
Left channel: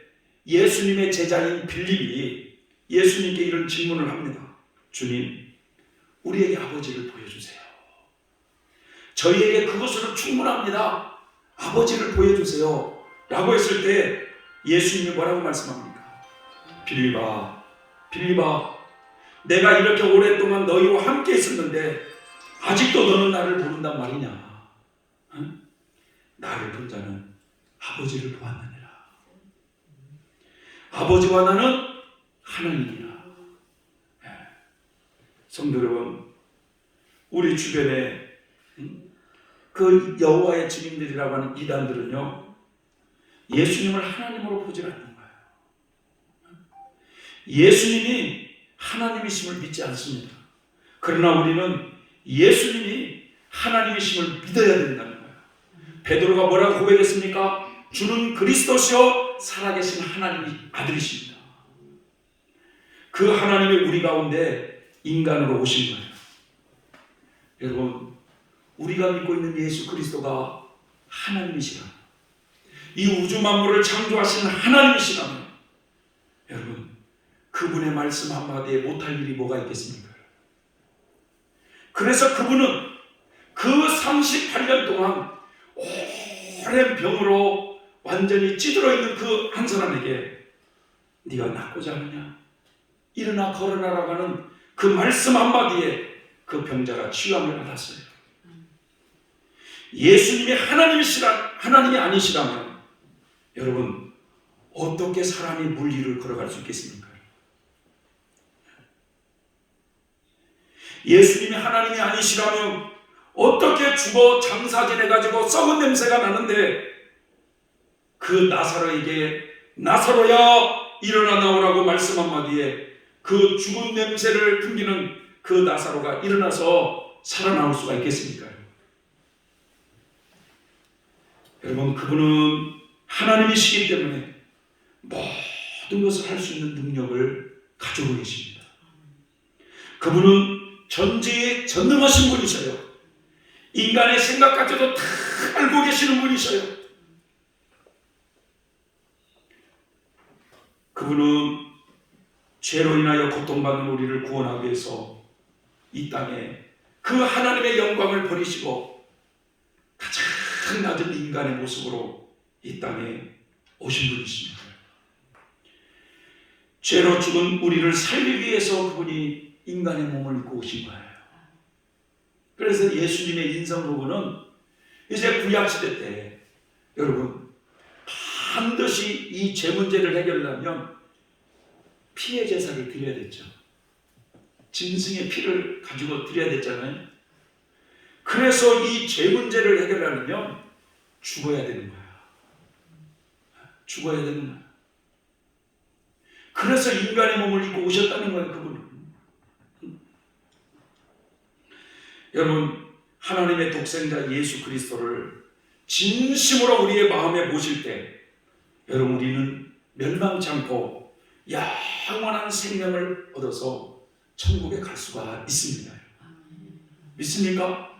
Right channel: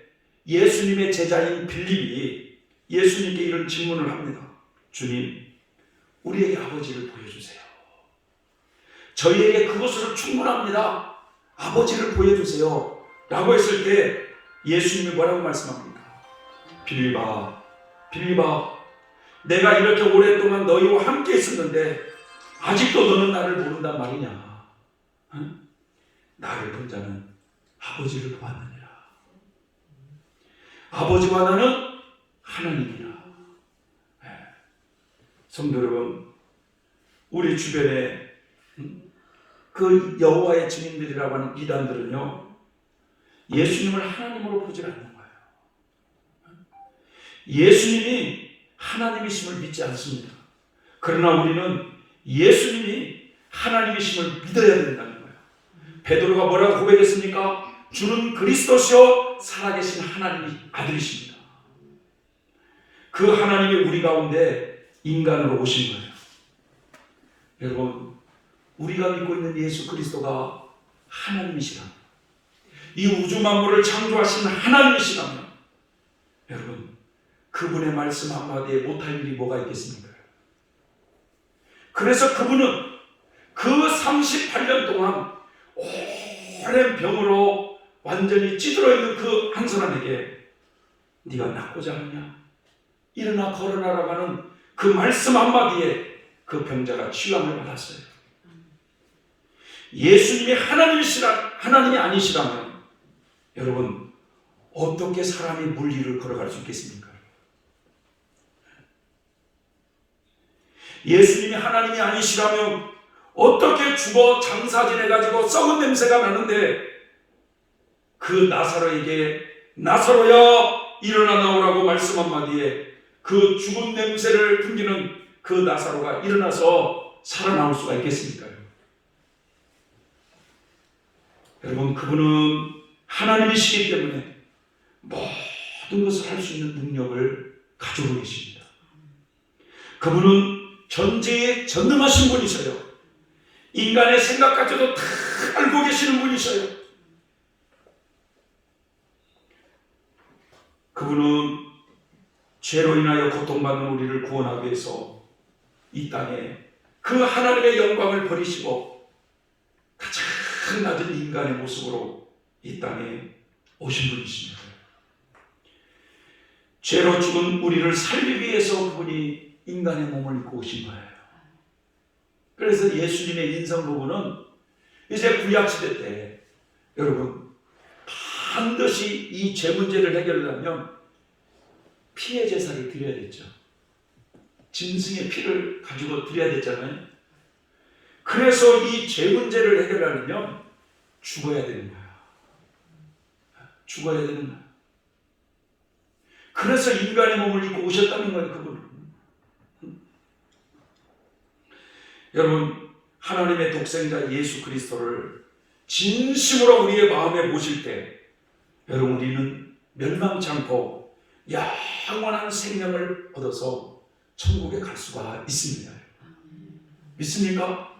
예수님의 제자인 빌립이 예수님께 이런 질문을 합니다. 주님, 우리에게 아버지를 보여주세요. 저희에게 그것으로 충분합니다. 아버지를 보여주세요. 라고 했을 때 예수님이 뭐라고 말씀합니까? 빌립아, 내가 이렇게 오랫동안 너희와 함께 있었는데 아직도 너는 나를 모른단 말이냐? 응? 나를 본 자는 아버지를 보았느니라. 아버지와 나는 하나님이라. 성도 여러분, 우리 주변에 그 여호와의 증인들이라고 하는 이단들은요, 예수님을 하나님으로 보지 않는 거예요. 예수님이 하나님이심을 믿지 않습니다. 그러나 우리는 예수님이 하나님이심을 믿어야 된다는 거예요. 베드로가 뭐라고 고백했습니까? 주는 그리스도시요 살아계신 하나님의 아들이십니다. 그 하나님이 우리 가운데 인간으로 오신 거예요. 여러분, 우리가 믿고 있는 예수 그리스도가 하나님이시라, 이 우주 만물을 창조하신 하나님이시라면 여러분, 그분의 말씀 한마디에 못할 일이 뭐가 있겠습니까? 그래서 그분은 그 38년 동안 오랜 병으로 완전히 찌들어 있는 그 한 사람에게 네가 낫고자 하느냐? 일어나 걸어나라고 하는 그 말씀 한마디에 그 병자가 치유함을 받았어요. 예수님이 하나님이 아니시라면 여러분, 어떻게 사람이 물 위를 걸어갈 수 있겠습니까? 예수님이 하나님이 아니시라면 어떻게 죽어 장사 지내가지고 썩은 냄새가 나는데 그 나사로에게 나사로야 일어나 나오라고 말씀 한마디에 그 죽은 냄새를 풍기는 그 나사로가 일어나서 살아나올 수가 있겠습니까? 여러분, 그분은 하나님이시기 때문에 모든 것을 할 수 있는 능력을 가지고 계십니다. 그분은 전지에 전능하신 분이셔요. 인간의 생각까지도 다 알고 계시는 분이셔요. 그분은 죄로 인하여 고통받는 우리를 구원하기 위해서 이 땅에 그 하나님의 영광을 버리시고 가장 낮은 인간의 모습으로 이 땅에 오신 분이십니다. 죄로 죽은 우리를 살리기 위해서 그분이 인간의 몸을 입고 오신 거예요. 그래서 예수님의 인성 부분은 이제 구약시대 때 여러분 반드시 이 죄 문제를 해결하려면 피의 제사를 드려야 됐죠. 짐승의 피를 가지고 드려야 됐잖아요. 그래서 이 죄 문제를 해결하려면 죽어야 되는 거야. 죽어야 되는 거야. 그래서 인간의 몸을 입고 오셨다는 거예요, 그분은. 여러분, 하나님의 독생자 예수 그리스도를 진심으로 우리의 마음에 모실 때, 여러분, 우리는 멸망치 않고 영원한 생명을 얻어서 천국에 갈 수가 있습니다. 믿습니까?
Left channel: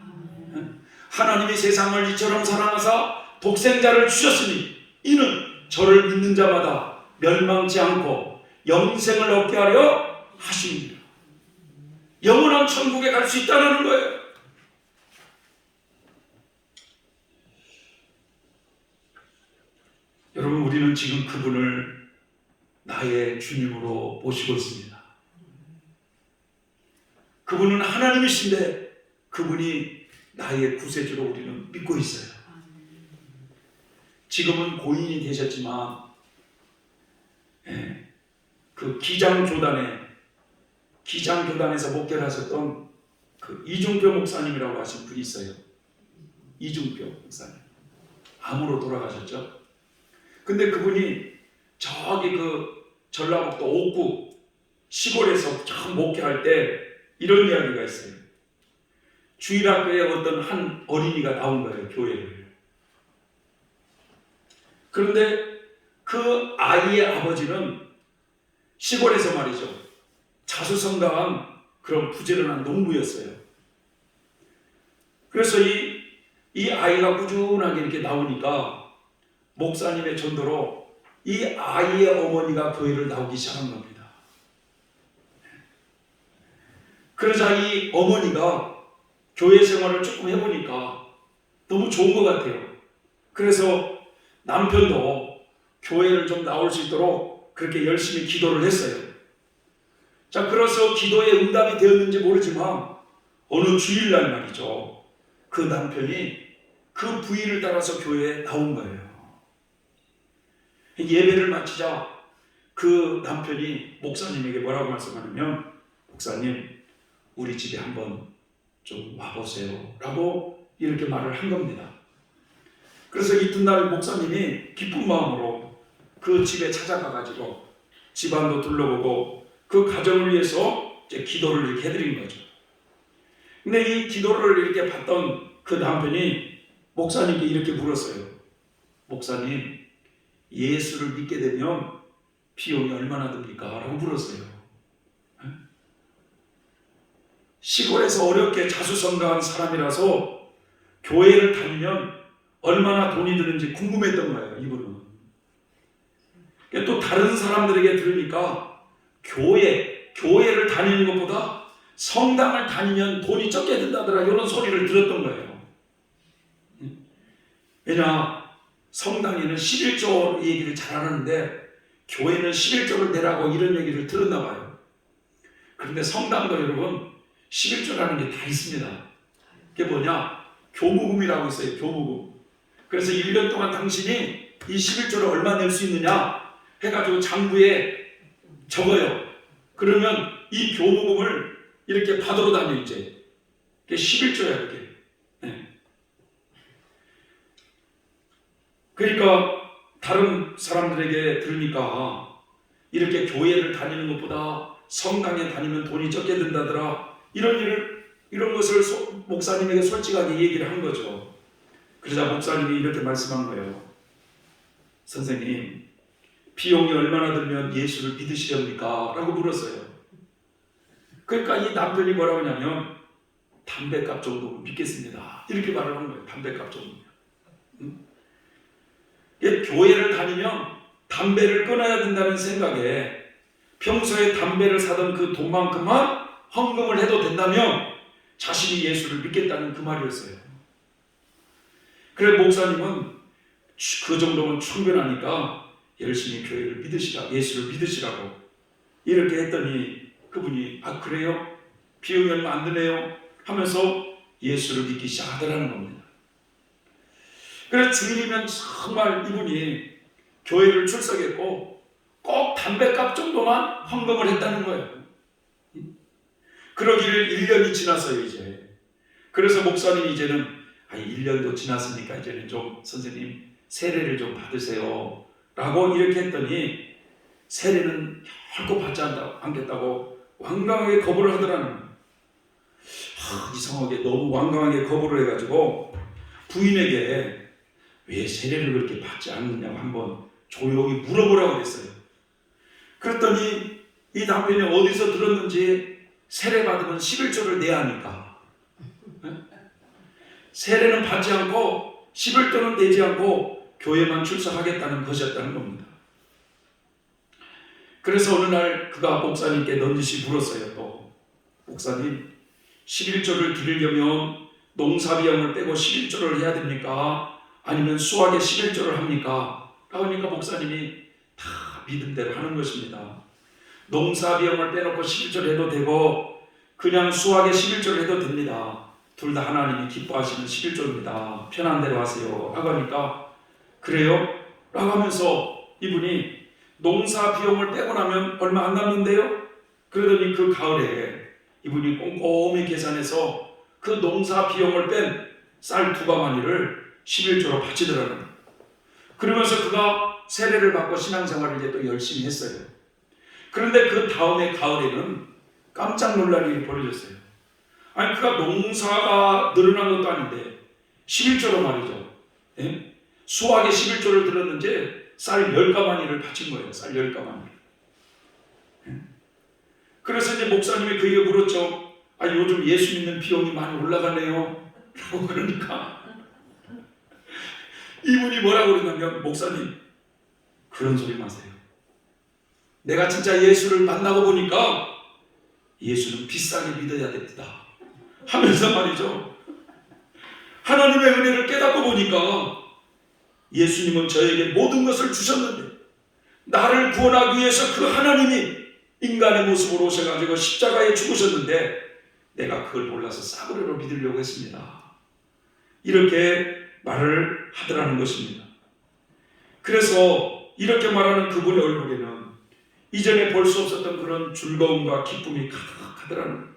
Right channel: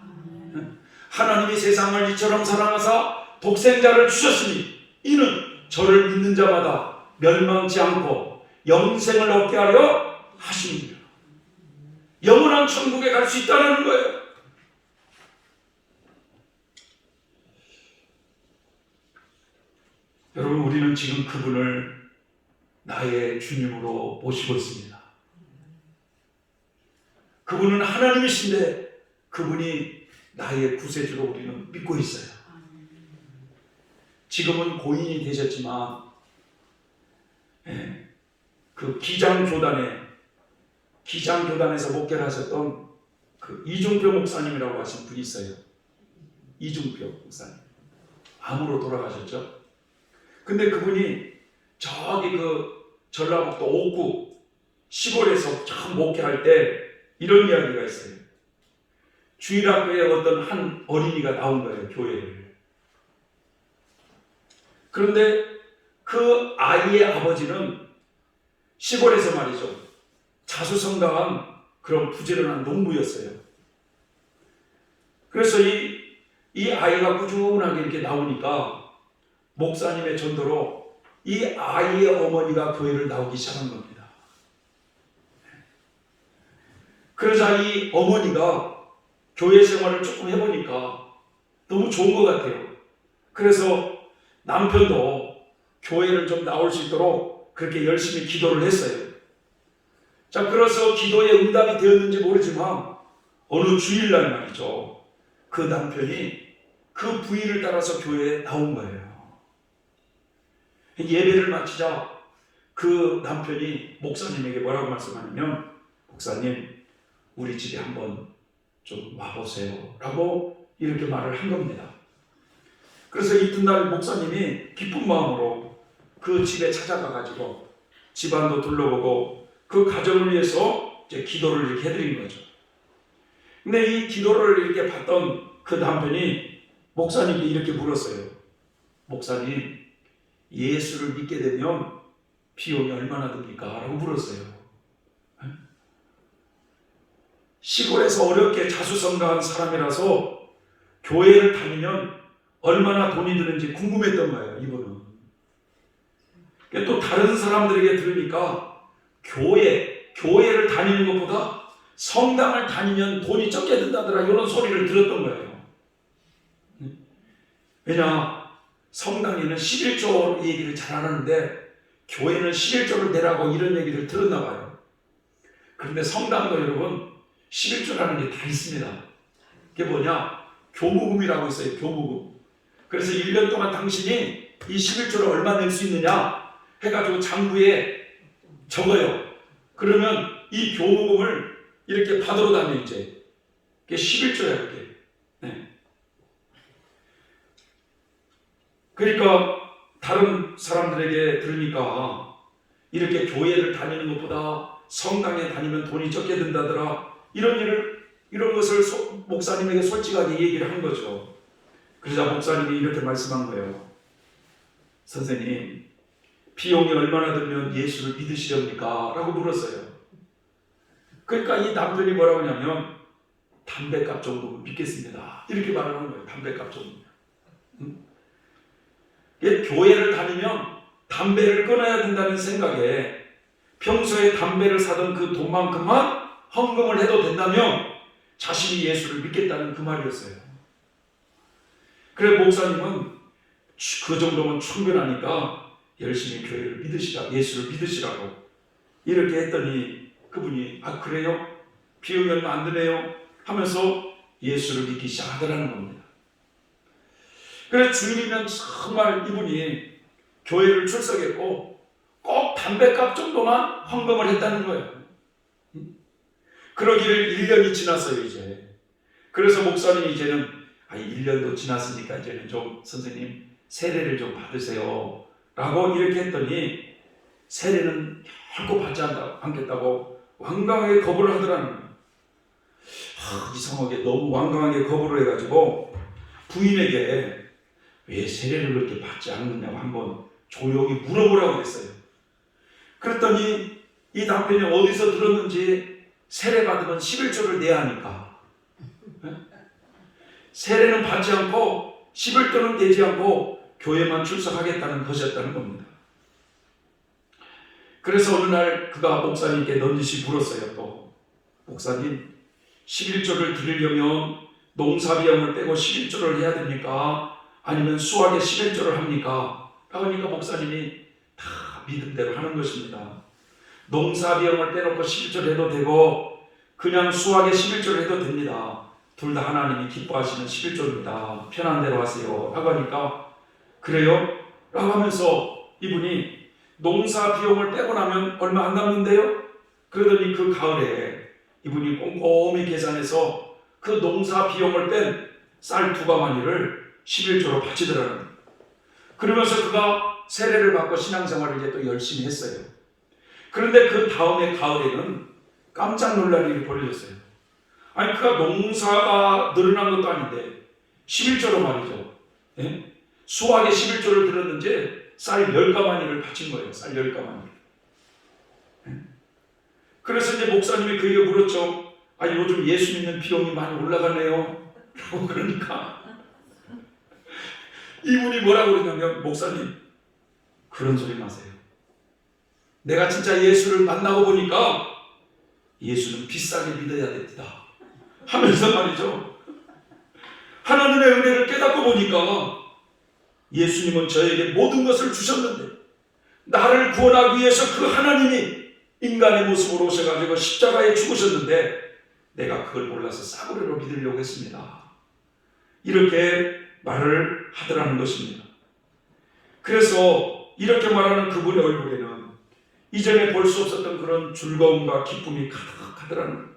하나님이 세상을 이처럼 사랑하사 독생자를 주셨으니 이는 저를 믿는 자마다 멸망치 않고 영생을 얻게 하려 하십니다. 영원한 천국에 갈 수 있다는 거예요. 여러분, 우리는 지금 그분을 나의 주님으로 모시고 있습니다. 그분은 하나님이신데 그분이 나의 구세주로 우리는 믿고 있어요. 지금은 고인이 되셨지만 그 기장교단에서 목회하셨던 그 이중표 목사님이라고 하신 분이 있어요. 이중표 목사님. 암으로 돌아가셨죠. 근데 그분이 저기 그 전라북도 옥구 시골에서 참 목회할 때 이런 이야기가 있어요. 주일학교에 어떤 한 어린이가 나온 거예요, 교회를. 그런데 그 아이의 아버지는 시골에서 말이죠, 자수성가한 그런 부지런한 농부였어요. 그래서 이 아이가 꾸준하게 이렇게 나오니까 목사님의 전도로 이 아이의 어머니가 교회를 나오기 시작한 겁니다. 그러자 이 어머니가 교회 생활을 조금 해보니까 너무 좋은 것 같아요. 그래서 남편도 교회를 좀 나올 수 있도록 그렇게 열심히 기도를 했어요. 자, 그래서 기도에 응답이 되었는지 모르지만 어느 주일날 말이죠, 그 남편이 그 부인을 따라서 교회에 나온 거예요. 예배를 마치자 그 남편이 목사님에게 뭐라고 말씀하냐면, 목사님, 우리 집에 한번 좀 와보세요 라고 이렇게 말을 한 겁니다. 그래서 이튿날 목사님이 기쁜 마음으로 그 집에 찾아가가지고 집안도 둘러보고 그 가정을 위해서 이제 기도를 이렇게 해드린 거죠. 근데 이 기도를 이렇게 봤던 그 남편이 목사님께 이렇게 물었어요. 목사님, 예수를 믿게 되면 비용이 얼마나 듭니까? 라고 물었어요. 시골에서 어렵게 자수성가한 사람이라서 교회를 다니면 얼마나 돈이 드는지 궁금했던 거예요, 이분은. 또 다른 사람들에게 들으니까 교회를 다니는 것보다 성당을 다니면 돈이 적게 든다더라, 이런 소리를 들었던 거예요. 왜냐, 성당에는 11조 얘기를 잘 안 하는데 교회는 11조를 내라고 이런 얘기를 들었나 봐요. 그런데 성당도 여러분 11조라는 게 다 있습니다. 그게 뭐냐? 교무금이라고 있어요. 교무금. 그래서 1년 동안 당신이 이 11조를 얼마 낼 수 있느냐 해가지고 장부에 적어요. 그러면 이 교무금을 이렇게 받으러 다녀 이제. 그게 11조야 그게. 네. 그러니까 다른 사람들에게 들으니까 이렇게 교회를 다니는 것보다 성당에 다니면 돈이 적게 든다더라, 이런 것을 목사님에게 솔직하게 얘기를 한 거죠. 그러자 목사님이 이렇게 말씀한 거예요. 선생님, 비용이 얼마나 들면 예수를 믿으시렵니까? 라고 물었어요. 그러니까 이 남편이 뭐라고 하냐면, 담배값 정도 믿겠습니다, 이렇게 말을 하는 거예요. 담배값 정도. 교회를 다니면 담배를 끊어야 된다는 생각에 평소에 담배를 사던 그 돈만큼만 헌금을 해도 된다면 자신이 예수를 믿겠다는 그 말이었어요. 그래 목사님은 그 정도면 충분하니까 열심히 교회를 믿으시라, 예수를 믿으시라고 이렇게 했더니 그분이 아 그래요? 비용이 얼마 안 드네요 하면서 예수를 믿기 시작하더라는 겁니다. 그래서 주일이면 정말 이분이 교회를 출석했고 꼭 담뱃값 정도만 헌금을 했다는 거예요. 그러기를 1년이 지났어요 이제. 그래서 목사님 이제는 1년도 지났으니까 이제는 좀 선생님 세례를 좀 받으세요 라고 이렇게 했더니 세례는 결코 받지 않겠다고 완강하게 거부를 하더라는 거예요. 이상하게 너무 완강하게 거부를 해가지고 부인에게 왜 세례를 그렇게 받지 않느냐고 한번 조용히 물어보라고 했어요. 그랬더니 이 남편이 어디서 들었는지 세례 받으면 11조를 내야 하니까 세례는 받지 않고 11조는 내지 않고 교회만 출석하겠다는 것이었다는 겁니다. 그래서 어느 날 그가 목사님께 넌지시 물었어요. 또 목사님 11조를 드리려면 농사비용을 빼고 11조를 해야 됩니까? 아니면 수학에 11조를 합니까? 그러니까 목사님이 다 믿음대로 하는 것입니다. 농사비용을 빼놓고 11조를 해도 되고 그냥 수학에 11조를 해도 됩니다. 둘 다 하나님이 기뻐하시는 11조입니다. 편한 대로 하세요. 라고 하니까 그래요? 라고 하면서 이분이 농사비용을 빼고 나면 얼마 안 남는데요? 그러더니 그 가을에 이분이 꼼꼼히 계산해서 그 농사비용을 뺀 쌀 2가마니를 11조로 바치더라고요. 그러면서 그가 세례를 받고 신앙생활을 이제 또 열심히 했어요. 그런데 그 다음에 가을에는 깜짝 놀랄 일이 벌어졌어요. 아니 그가 농사가 늘어난 것도 아닌데 11조로 말이죠. 예? 수학에 11조를 들었는지 쌀 10가마니를 바친 거예요. 쌀 10가마니. 예? 그래서 이제 목사님이 그에게 물었죠. 요즘 예수 믿는 비용이 많이 올라가네요. 그러니까 이분이 뭐라고 그러냐면 목사님 그런 소리 마세요. 내가 진짜 예수를 만나고 보니까 예수는 비싸게 믿어야 됩니다. 하면서 말이죠. 하나님의 은혜를 깨닫고 보니까 예수님은 저에게 모든 것을 주셨는데 나를 구원하기 위해서 그 하나님이 인간의 모습으로 오셔가지고 십자가에 죽으셨는데 내가 그걸 몰라서 싸구려로 믿으려고 했습니다. 이렇게 말을 하더라는 것입니다. 그래서 이렇게 말하는 그분의 얼굴에는 이전에 볼 수 없었던 그런 즐거움과 기쁨이 가득하더라는 거예요.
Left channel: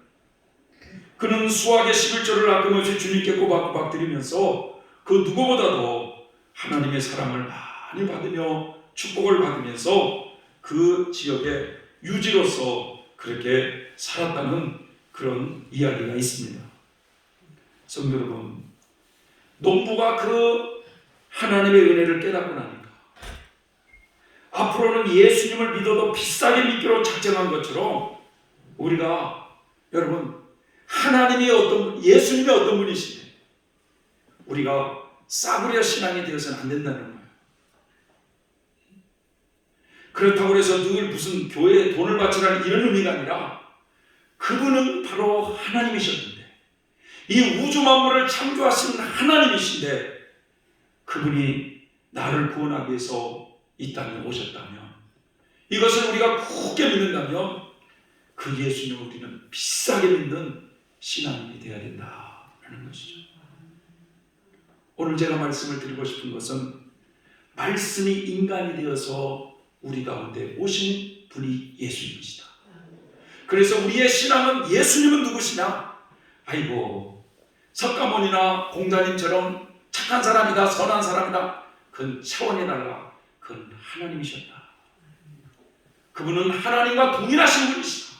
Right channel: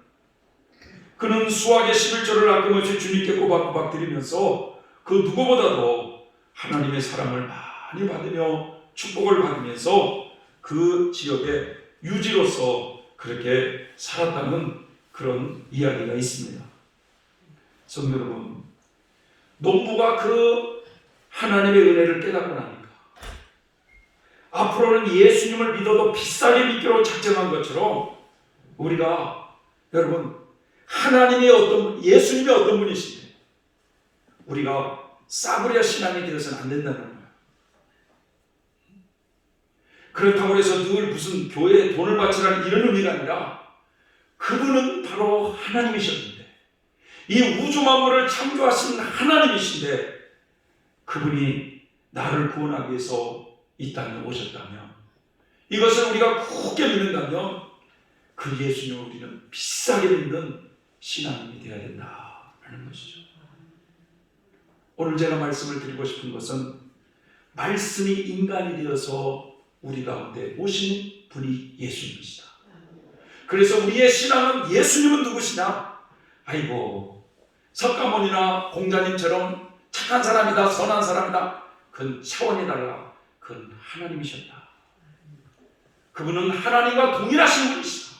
그는 수학의 11조를 아낌없이 주님께 꼬박꼬박 드리면서 그 누구보다도 하나님의 사랑을 많이 받으며 축복을 받으면서 그 지역의 유지로서 그렇게 살았다는 그런 이야기가 있습니다. 성도 여러분, 농부가 그 하나님의 은혜를 깨닫고 나니까 앞으로는 예수님을 믿어도 비싸게 믿기로 작정한 것처럼 우리가 여러분 하나님이 예수님이 어떤 분이신데 우리가 싸구려 신앙이 되어서는 안 된다는 거예요. 그렇다고 해서 늘 무슨 교회에 돈을 바치라는 이런 의미가 아니라 그분은 바로 하나님이셨는데 이 우주 만물을 창조하신 하나님이신데 그분이 나를 구원하기 위해서 이 땅에 오셨다면 이것을 우리가 굳게 믿는다면 그 예수님을 우리는 비싸게 믿는 신앙인이 되어야 된다는 것이죠. 오늘 제가 말씀을 드리고 싶은 것은 말씀이 인간이 되어서 우리 가운데 오신 분이 예수님이시다. 그래서 우리의 신앙은 예수님은 누구시냐? 석가모니나 공자님처럼 착한 사람이다, 선한 사람이다. 그건 차원이 달라. 그건 하나님이셨다. 그분은 하나님과 동일하신 분이시다.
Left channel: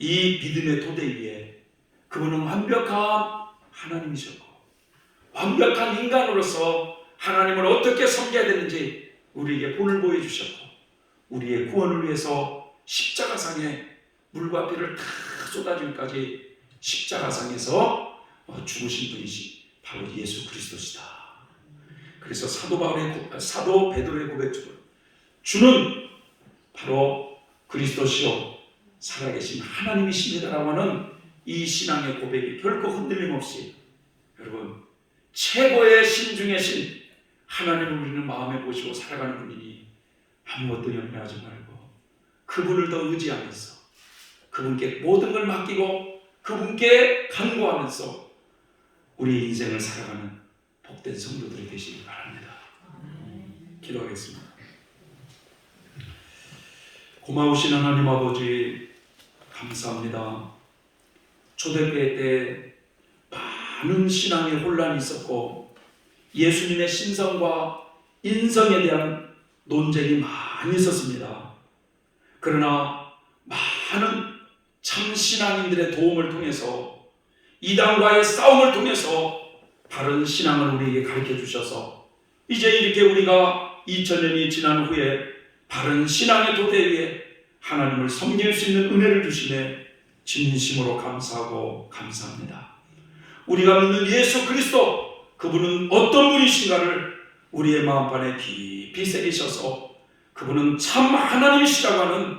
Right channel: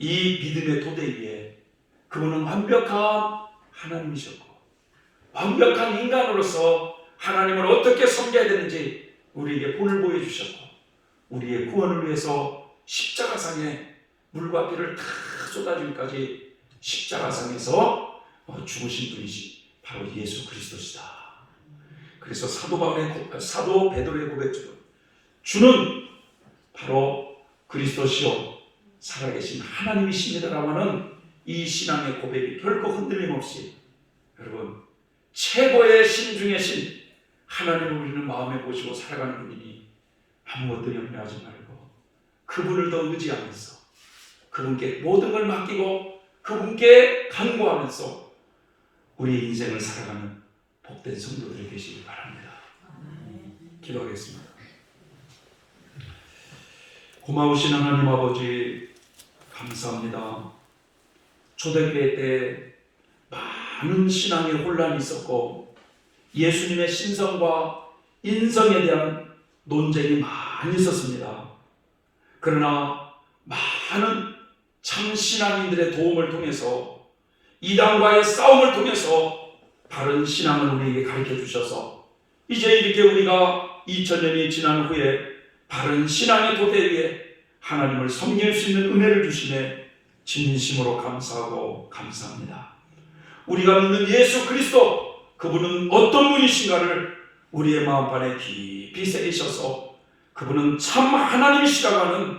이 믿음의 토대 위에 그분은 완벽한 하나님이셨고 완벽한 인간으로서 하나님을 어떻게 섬겨야 되는지 우리에게 본을 보여주셨고 우리의 구원을 위해서 십자가상에 물과 피를 다 쏟아주기까지 십자가상에서 죽으신 분이시 바로 예수 그리스도시다. 그래서 사도 베드로의 고백처럼 주는 바로 그리스도시요 살아계신 하나님이십니다라고 하는 이 신앙의 고백이 결코 흔들림 없이 여러분 최고의 신 중의 신 하나님을 우리는 마음에 모시고 살아가는 분이니 아무것도 염려하지 말고 그분을 더 의지하면서 그분께 모든 걸 맡기고 그분께 간구하면서 우리 인생을 살아가는 복된 성도들이 되시기 바랍니다. 기도하겠습니다. 고마우신 하나님 아버지 감사합니다. 초대교회 때 많은 신앙의 혼란이 있었고 예수님의 신성과 인성에 대한 논쟁이 많이 있었습니다. 그러나 많은 참 신앙인들의 도움을 통해서 이단과의 싸움을 통해서 바른 신앙을 우리에게 가르쳐 주셔서 이제 이렇게 우리가 2000년이 지난 후에 바른 신앙의 도대 위에 하나님을 섬길 수 있는 은혜를 주시네 진심으로 감사하고 감사합니다. 우리가 믿는 예수 그리스도 그분은 어떤 분이신가를 우리의 마음판에 깊이 새기셔서 그분은 참 하나님이시라고 하는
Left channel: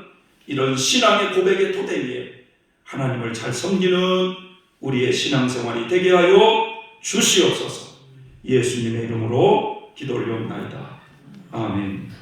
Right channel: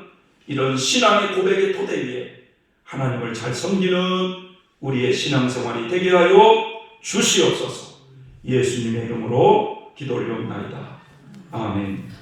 이런 신앙의 고백의 토대 위에 하나님을 잘 섬기는 우리의 신앙생활이 되게 하여 주시옵소서. 예수님의 이름으로 기도 올려옵나이다. 아멘.